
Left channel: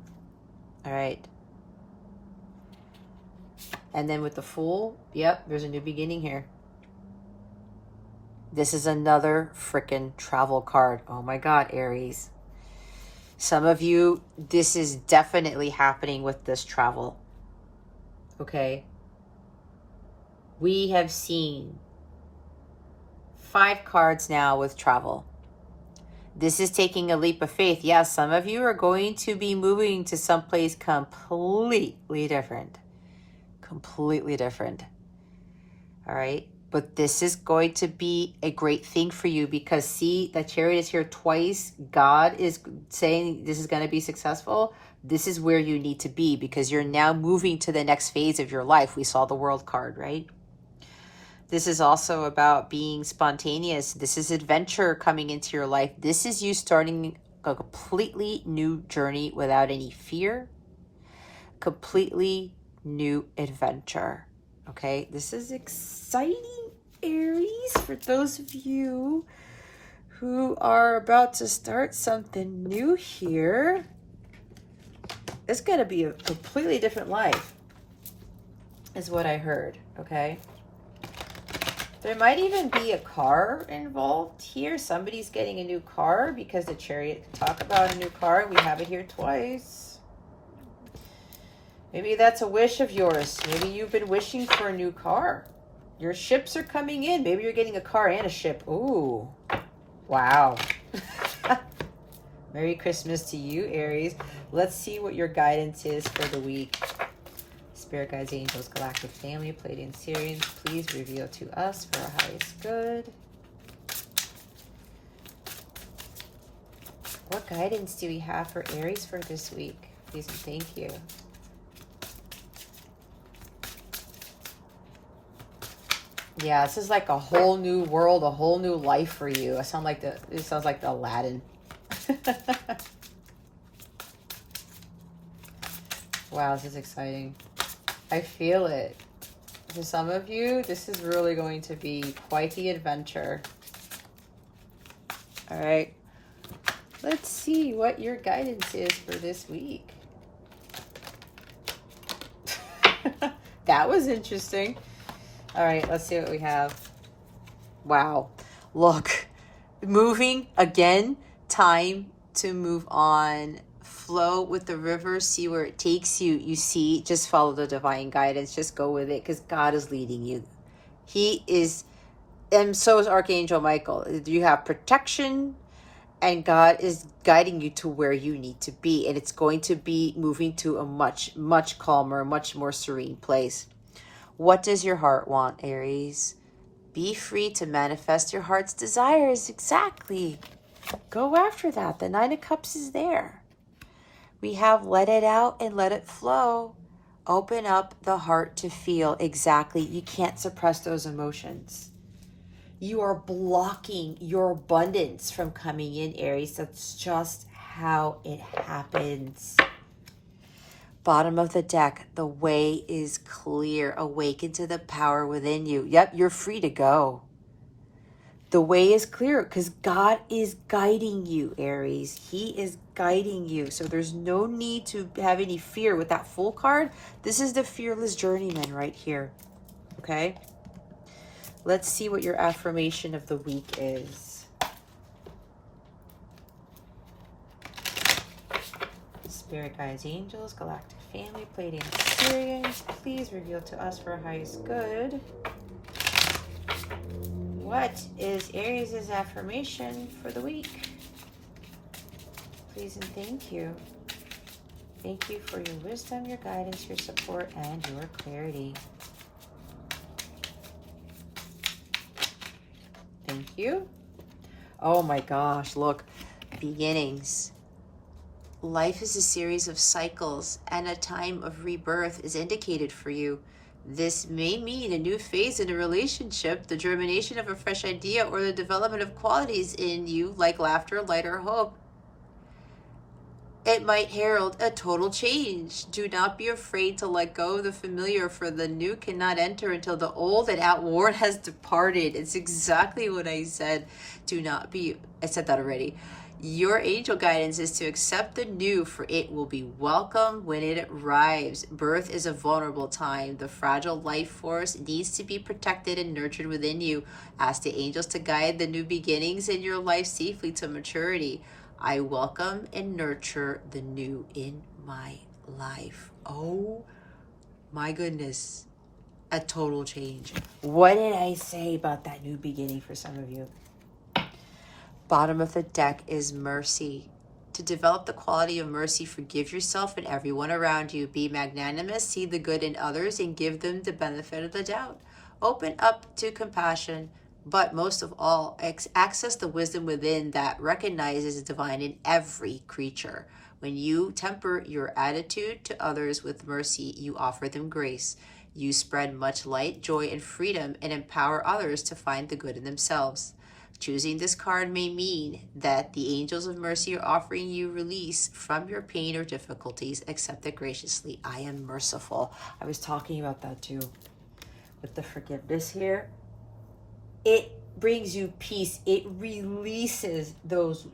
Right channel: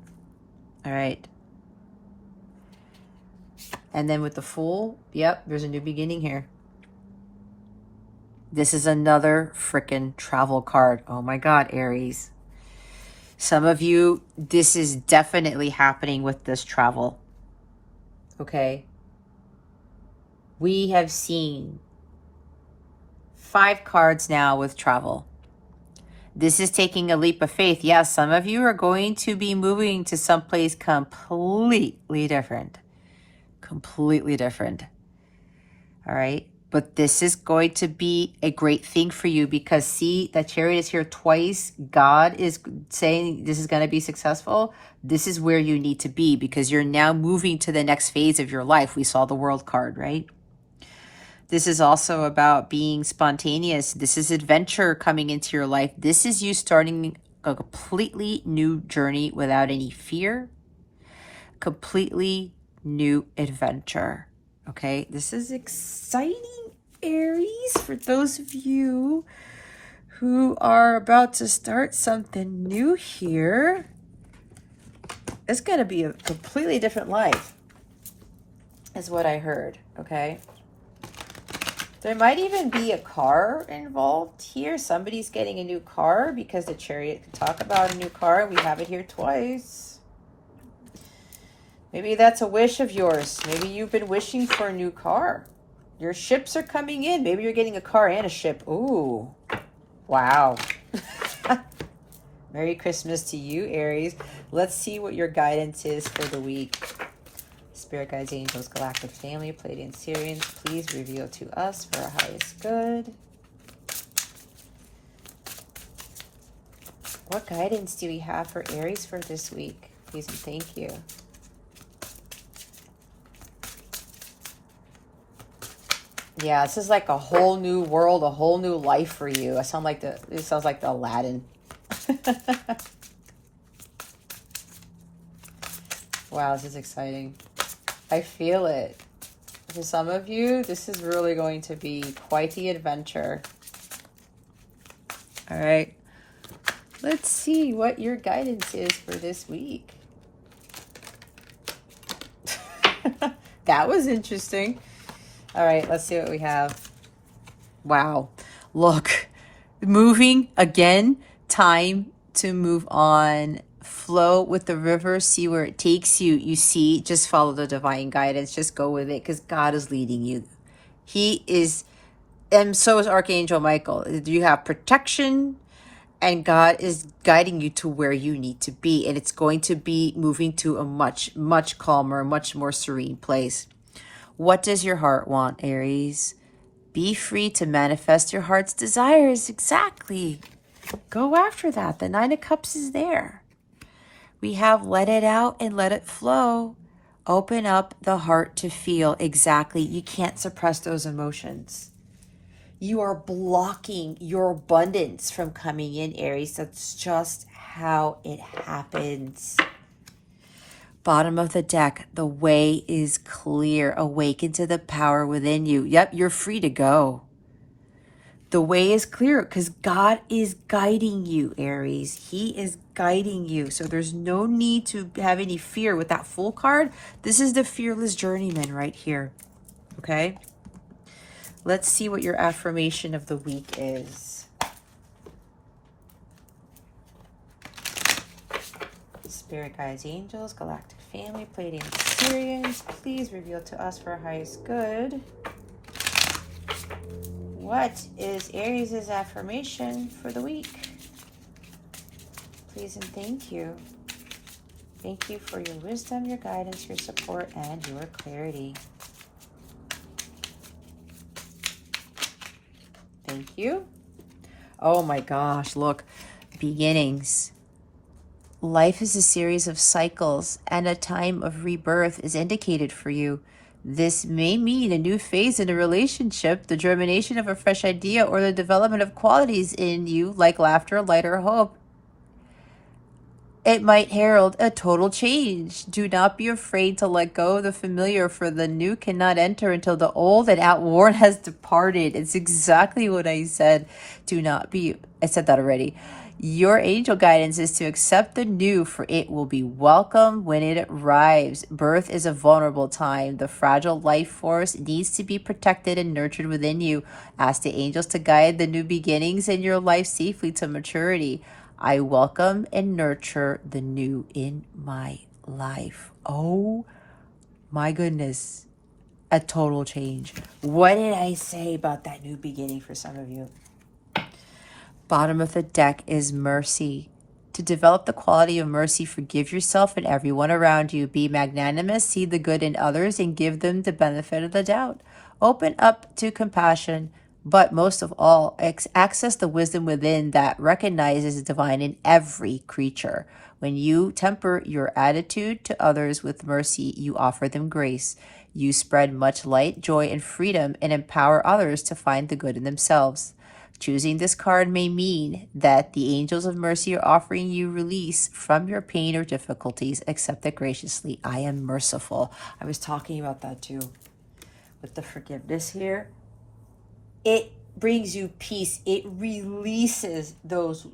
All right. And then with the Fool, yep, there's a new beginning here. This is another freaking travel card. Oh my God, Aries. Some of you, this is definitely happening with this travel. Okay. We have seen 5 cards now with travel. This is taking a leap of faith. Yeah, some of you are going to be moving to someplace completely different. Completely different. All right. But this is going to be a great thing for you, because see, that Chariot is here twice. God is saying this is going to be successful. This is where you need to be, because you're now moving to the next phase of your life. We saw the World card, right? This is also about being spontaneous. This is adventure coming into your life. This is you starting a completely new journey without any fear. Completely new adventure. Okay, this is exciting, Aries, for those of you who are about to start something new here. It's going to be a completely different life, is what I heard, okay? There might even be a car involved here. Somebody's getting a new car, because the Chariot can talk about a new car. We have it here twice. Maybe that's a wish of yours. Maybe you've been wishing for a new car. Your ships are coming in. Maybe you're getting a car and a ship. Ooh. Wow. Merry Christmas to you, Aries. Let's see what your guidance is for the week. Spirit guides, angels, galactic family, Pleiadian, Sirians, please reveal to us for our highest good. What guidance do we have for Aries for this week? Please and thank you. Yeah, this is like a whole new world, a whole new life for you. It sounds like the Aladdin. Wow, this is exciting. I feel it. For some of you, this is really going to be quite the adventure. All right. Let's see what your guidance is for this week. That was interesting. All right, let's see what we have. Wow. Look, moving again, time to move on. Flow with the river, see where it takes you. You see, just follow the divine guidance. Just go with it, because God is leading you. He is, and so is Archangel Michael. You have protection, and God is guiding you to where you need to be. And it's going to be moving to a much, much calmer, much more serene place. What does your heart want, Aries? Be free to manifest your heart's desires. Exactly. Go after that. The 9 of Cups is there. We have let it out and let it flow. Open up the heart to feel. Exactly. You can't suppress those emotions. You are blocking your abundance from coming in, Aries. That's just how it happens. Bottom of the deck, the way is clear. Awaken to the power within you. Yep, you're free to go. The way is clear because God is guiding you, Aries. He is guiding you. So there's no need to have any fear with that Fool card. This is the fearless journeyman right here. Okay? Let's see what your affirmation of the week is. Spirit guides, angels, galactic family, Pleiadian Sirians, please reveal to us for our highest good. What is Aries' affirmation for the week? Please and thank you. Thank you for your wisdom, your guidance, your support, and your clarity. Thank you. Oh my gosh, look. Beginnings. Life is a series of cycles, and a time of rebirth is indicated for you. This may mean a new phase in a relationship, the germination of a fresh idea, or the development of qualities in you like laughter, light, or hope. It might herald a total change. Do not be afraid to let go of the familiar, for the new cannot enter until the old and outworn has departed. It's exactly what I said. I said that already. Your angel guidance is to accept the new, for it will be welcome when it arrives. Birth is a vulnerable time. The fragile life force needs to be protected and nurtured within you. Ask the angels to guide the new beginnings in your life safely to maturity. I welcome and nurture the new in my life. Oh my goodness. A total change. What did I say about that new beginning for some of you? Bottom of the deck is mercy. To develop the quality of mercy, forgive yourself and everyone around you. Be magnanimous, see the good in others, and give them the benefit of the doubt. Open up to compassion, but most of all, access the wisdom within that recognizes the divine in every creature. When you temper your attitude to others with mercy, you offer them grace. You spread much light, joy, and freedom, and empower others to find the good in themselves. Choosing this card may mean that the angels of mercy are offering you release from your pain or difficulties. Accept it graciously. I am merciful. I was talking about that too with the forgiveness here. It brings you peace. It releases those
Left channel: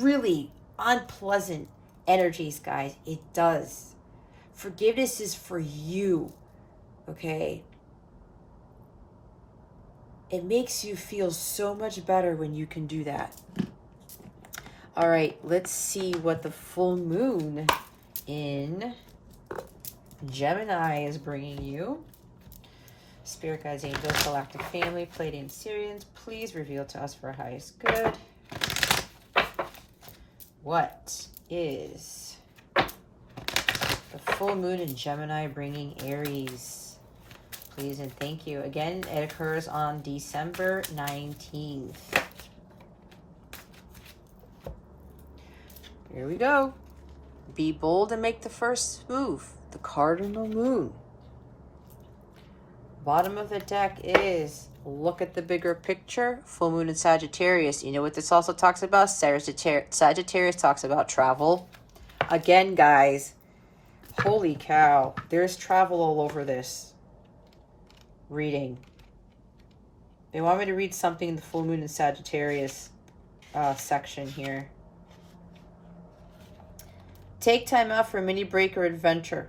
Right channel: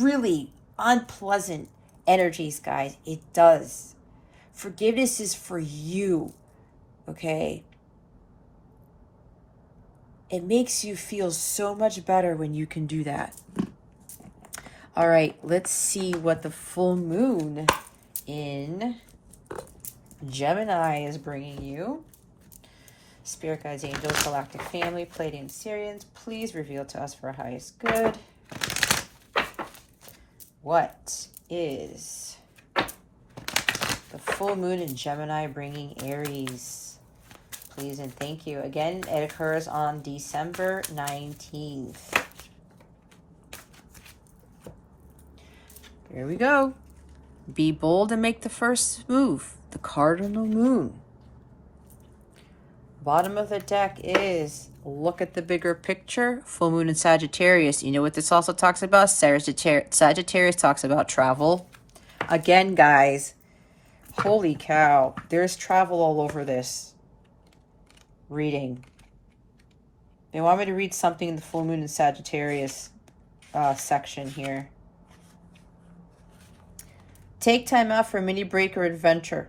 really unpleasant energies, guys. It does. Forgiveness is for you, okay? It makes you feel so much better when you can do that. All right, let's see what the full moon in Gemini is bringing you. Spirit guides, angels, galactic family, Pleiadian Sirians, please reveal to us for our highest good. What is the full moon in Gemini bringing Aries? Please and thank you. Again, it occurs on December 19th. Here we go. Be bold and make the first move. The cardinal moon. Bottom of the deck is look at the bigger picture. Full moon in Sagittarius. You know what this also talks about? Sagittarius talks about travel. Again, guys, holy cow. There's travel all over this reading. They want me to read something in the full moon in Sagittarius section here. Take time out for a mini break or adventure.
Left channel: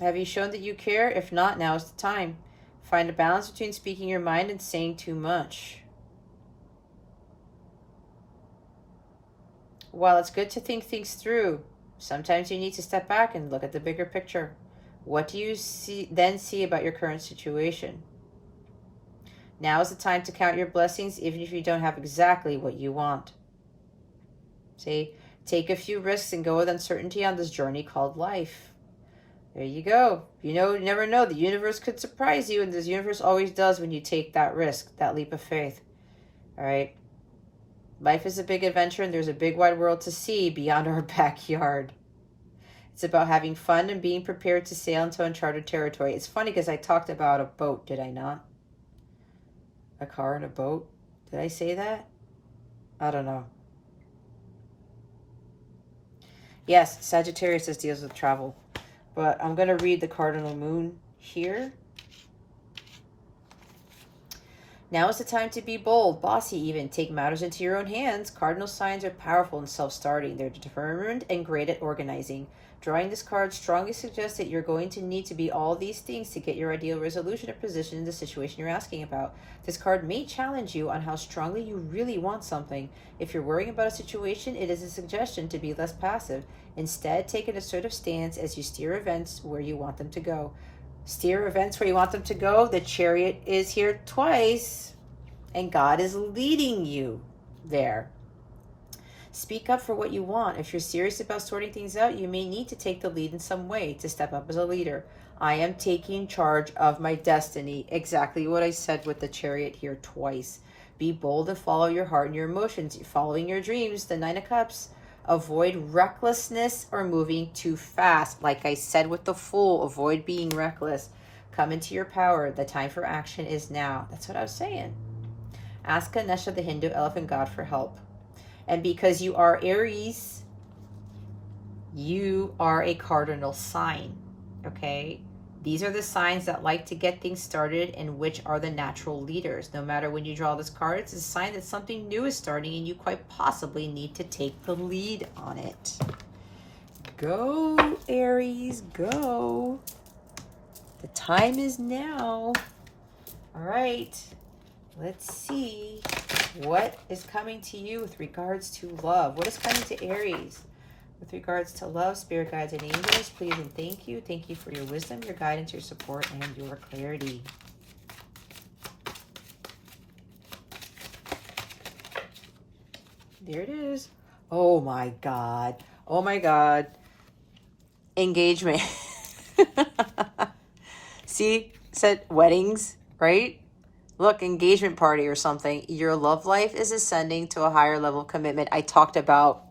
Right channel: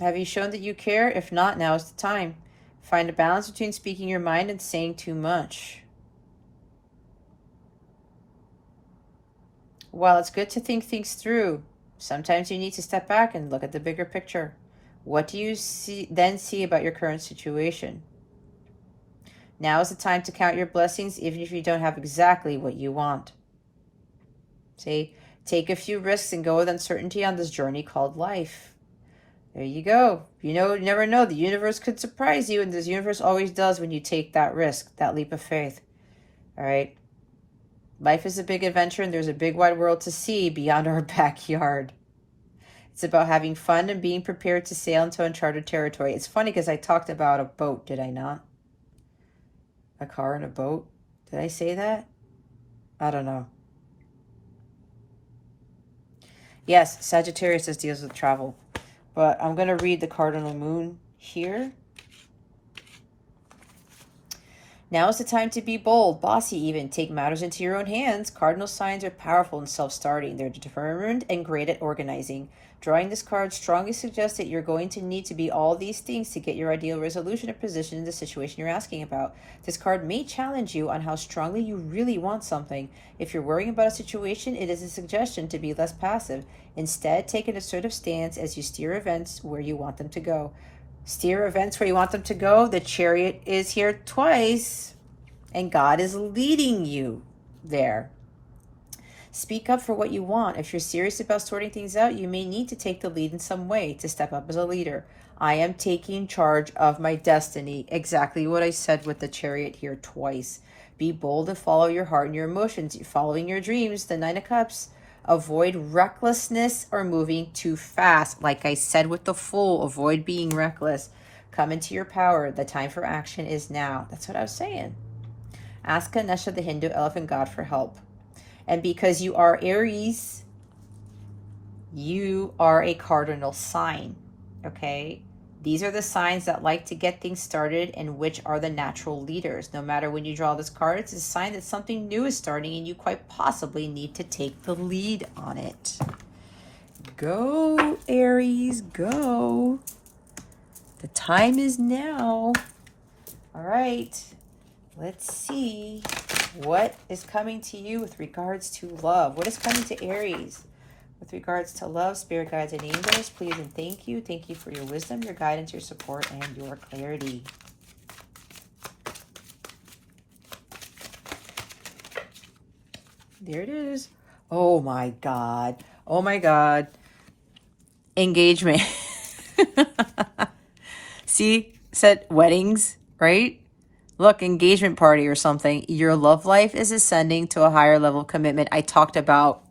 Have you shown that you care? If not, now is the time. Find a balance between speaking your mind and saying too much. While it's good to think things through, sometimes you need to step back and look at the bigger picture. What do you then see about your current situation? Now is the time to count your blessings, even if you don't have exactly what you want. See, take a few risks and go with uncertainty on this journey called life. There you go. You never know. The universe could surprise you, and this universe always does when you take that risk, that leap of faith. All right? Life is a big adventure, and there's a big wide world to see beyond our backyard. It's about having fun and being prepared to sail into uncharted territory. It's funny because I talked about a boat, did I not? a car and a boat. Did I say that? I don't know. Yes, Sagittarius deals with travel. But I'm going to read the cardinal moon here. Now is the time to be bold, bossy even. Take matters into your own hands. Cardinal signs are powerful and self-starting. They're determined and great at organizing. Drawing this card strongly suggests that you're going to need to be all these things to get your ideal resolution or position in the situation you're asking about. This card may challenge you on how strongly you really want something. If you're worrying about a situation, it is a suggestion to be less passive. Instead, take an assertive stance as you steer events where you want them to go. Steer events where you want them to go. The Chariot is here twice, and God is leading you there. Speak up for what you want. If you're serious about sorting things out, you may need to take the lead in some way to step up as a leader. I am taking charge of my destiny. Exactly what I said with the Chariot here twice. Be bold and follow your heart and your emotions. You're following your dreams. The Nine of Cups. Avoid recklessness or moving too fast. Like I said with the Fool, avoid being reckless. Come into your power. The time for action is now. That's what I was saying. Ask Ganesha, the Hindu elephant god, for help. And because you are Aries, you are a cardinal sign, okay? These are the signs that like to get things started and which are the natural leaders. No matter when you draw this card, it's a sign that something new is starting and you quite possibly need to take the lead on it. Go, Aries, go. The time is now. All right, let's see what is coming to you with regards to love. What is coming to Aries with regards to love? Spirit guides and angels, please and thank you. Thank you for your wisdom, your guidance, your support, and your clarity. There it is. Oh my God. Oh my God. Engagement. See, said weddings, right? Look, engagement party or something. Your love life is ascending to a higher level of commitment. I talked about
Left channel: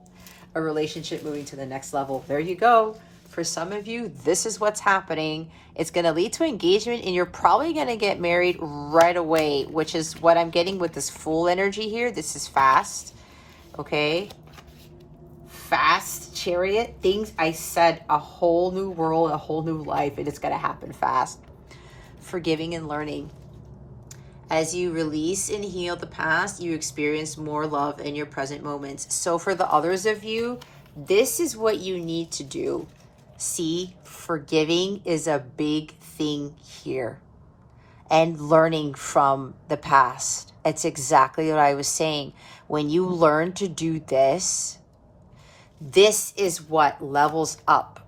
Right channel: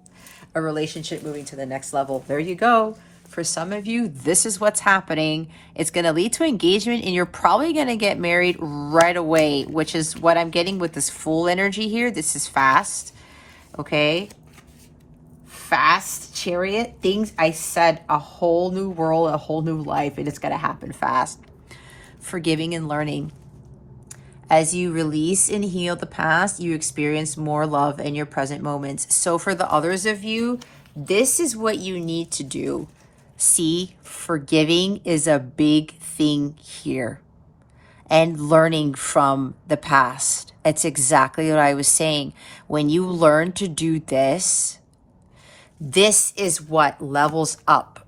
a relationship moving to the next level. There you go. For some of you, this is what's happening. It's going to lead to engagement, and you're probably going to get married right away, which is what I'm getting with this Fool energy here. This is fast, okay? Fast, Chariot. Things, I said, a whole new world, a whole new life, and it's going to happen fast. Forgiving and learning. As you release and heal the past, you experience more love in your present moments. So for the others of you, this is what you need to do. See, forgiving is a big thing here. And learning from the past. It's exactly what I was saying. When you learn to do this, this is what levels up.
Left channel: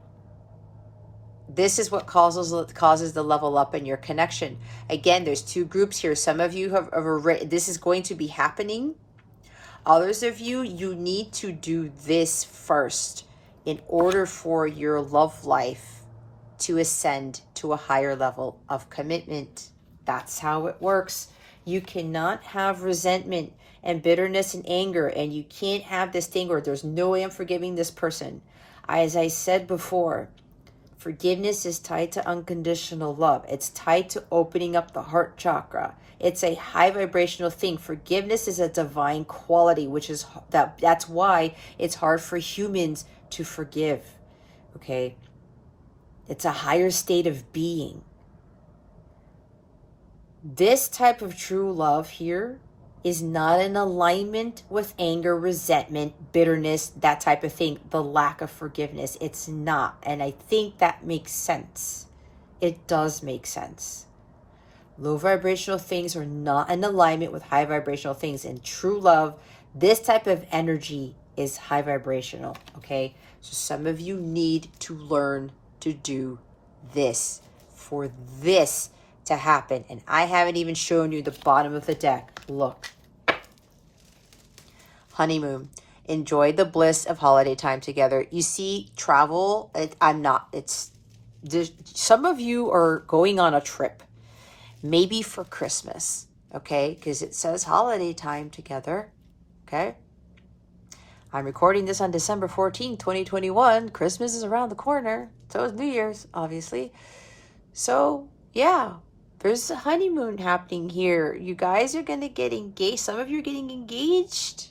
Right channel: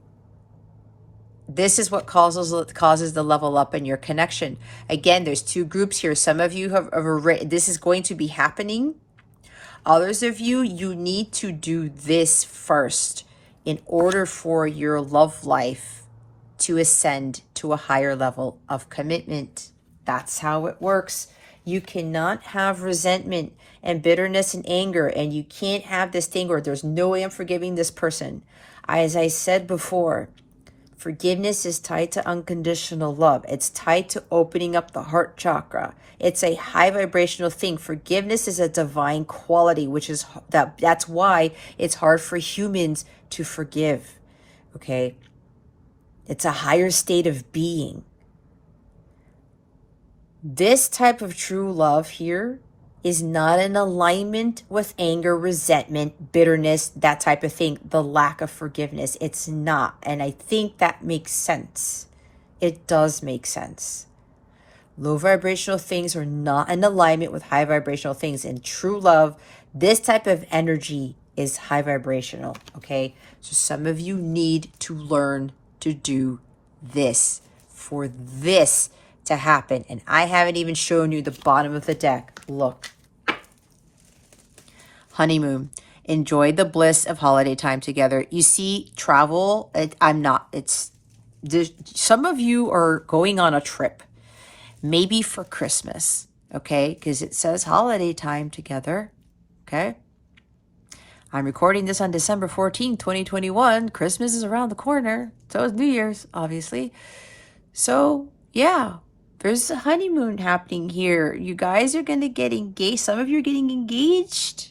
This is what causes the level up in your connection. Again, there's two groups here. Some of you have written, this is going to be happening. Others of you, you need to do this first in order for your love life to ascend to a higher level of commitment. That's how it works. You cannot have resentment and bitterness and anger, and you can't have this thing where there's no way I'm forgiving this person. As I said before, forgiveness is tied to unconditional love. It's tied to opening up the heart chakra. It's a high vibrational thing. Forgiveness is a divine quality, which is that's why it's hard for humans to forgive. Okay? It's a higher state of being. This type of true love here is not in alignment with anger, resentment, bitterness, that type of thing, the lack of forgiveness. It's not. And I think that makes sense. It does make sense. Low vibrational things are not in alignment with high vibrational things. In true love, this type of energy is high vibrational, okay? So some of you need to learn to do this for this to happen. And I haven't even shown you the bottom of the deck. Look. Honeymoon. Enjoy the bliss of holiday time together. You see, travel, some of you are going on a trip, maybe for Christmas, okay? Because it says holiday time together, okay? I'm recording this on December 14th, 2021. Christmas is around the corner. So is New Year's, obviously. So, yeah, There's a honeymoon happening here. You guys are going to get engaged. Some of you are getting engaged,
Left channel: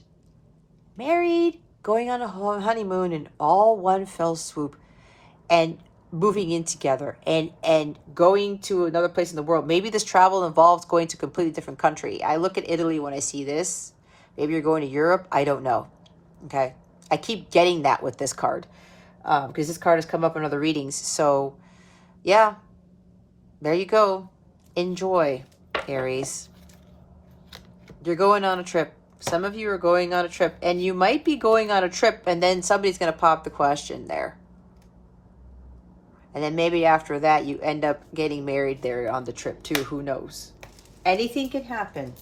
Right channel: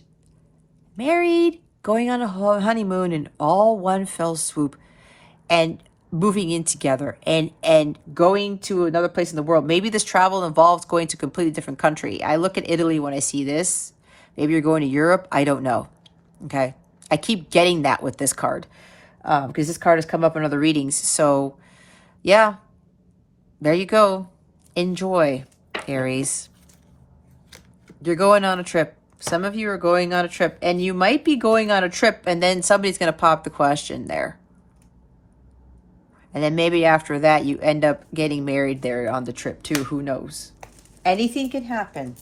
married, going on a honeymoon in all one fell swoop, and moving in together and going to another place in the world. Maybe this travel involves going to a completely different country. I look at Italy when I see this. Maybe you're going to Europe. I don't know. Okay. I keep getting that with this card because this card has come up in other readings. So yeah, there you go. Enjoy, Aries. You're going on a trip. Some of you are going on a trip, and you might be going on a trip, and then somebody's going to pop the question there. And then maybe after that, you end up getting married there on the trip too. Who knows? Anything can happen.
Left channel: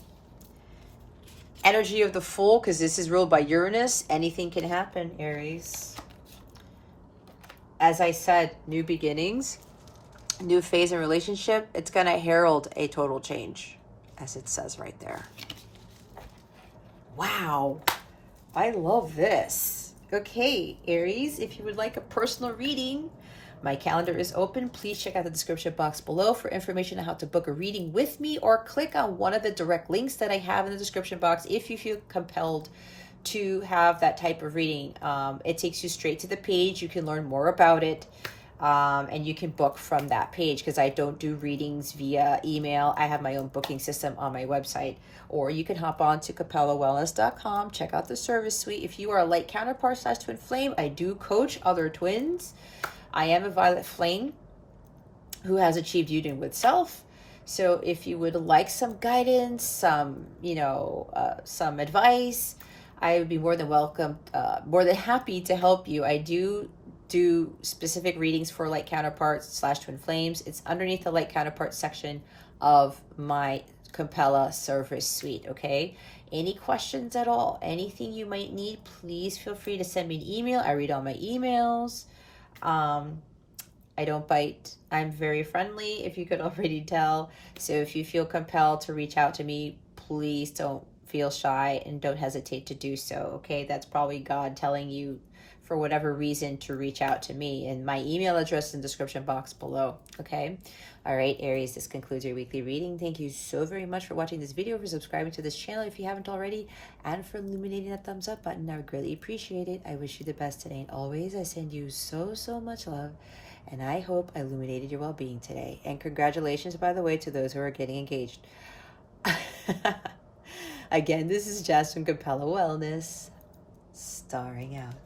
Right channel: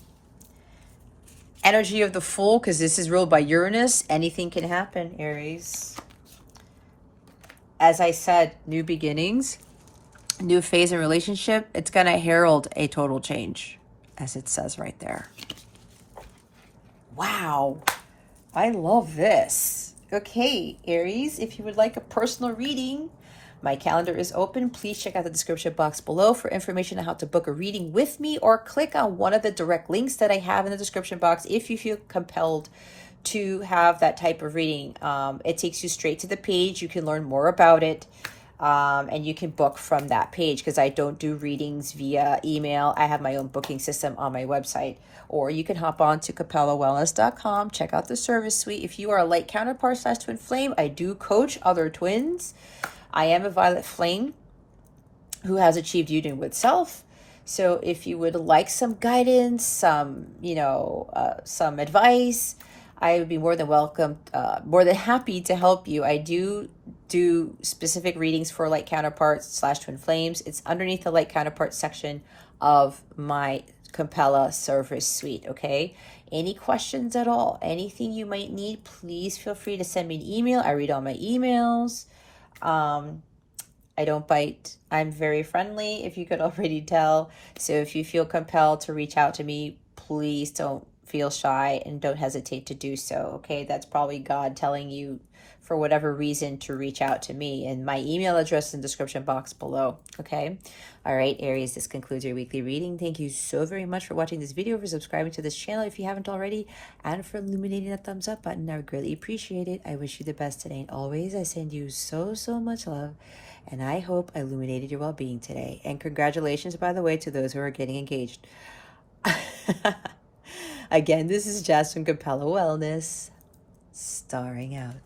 Energy of the Fool, because this is ruled by Uranus. Anything can happen, Aries. As I said, new beginnings. New phase in relationship, it's going to herald a total change, as it says right there. Wow, I love this. Okay, Aries, if you would like a personal reading, my calendar is open. Please check out the description box below for information on how to book a reading with me, or click on one of the direct links that I have in the description box if you feel compelled to have that type of reading. It takes you straight to the page. You can learn more about it. And you can book from that page, because I don't do readings via email. I have my own booking system on my website. Or you can hop on to capellawellness.com, check out the service suite. If you are a light counterpart / twin flame, I do coach other twins. I am a violet flame who has achieved union with self. So if you would like some guidance, some advice, I would be more than welcome, more than happy to help you. I do specific readings for light counterparts / twin flames. It's underneath the light counterpart section of my Capella service suite, okay? Any questions at all, anything you might need, please feel free to send me an email. I read all my emails. I don't bite. I'm very friendly, if you could already tell. So if you feel compelled to reach out to me, please don't feel shy and don't hesitate to do so, okay? That's probably God telling you, for whatever reason, to reach out to me. And my email address is in the description box below, okay? All right, Aries, this concludes your weekly reading. Thank you so very much for watching this video, for subscribing to this channel if you haven't already, and for illuminating that thumbs up button. I would greatly appreciate it. I wish you the best today, and always I send you so much love, and I hope I illuminated your well-being today. And congratulations, by the way, to those who are getting engaged. Again, this is Jazz from Capella Wellness, starring out.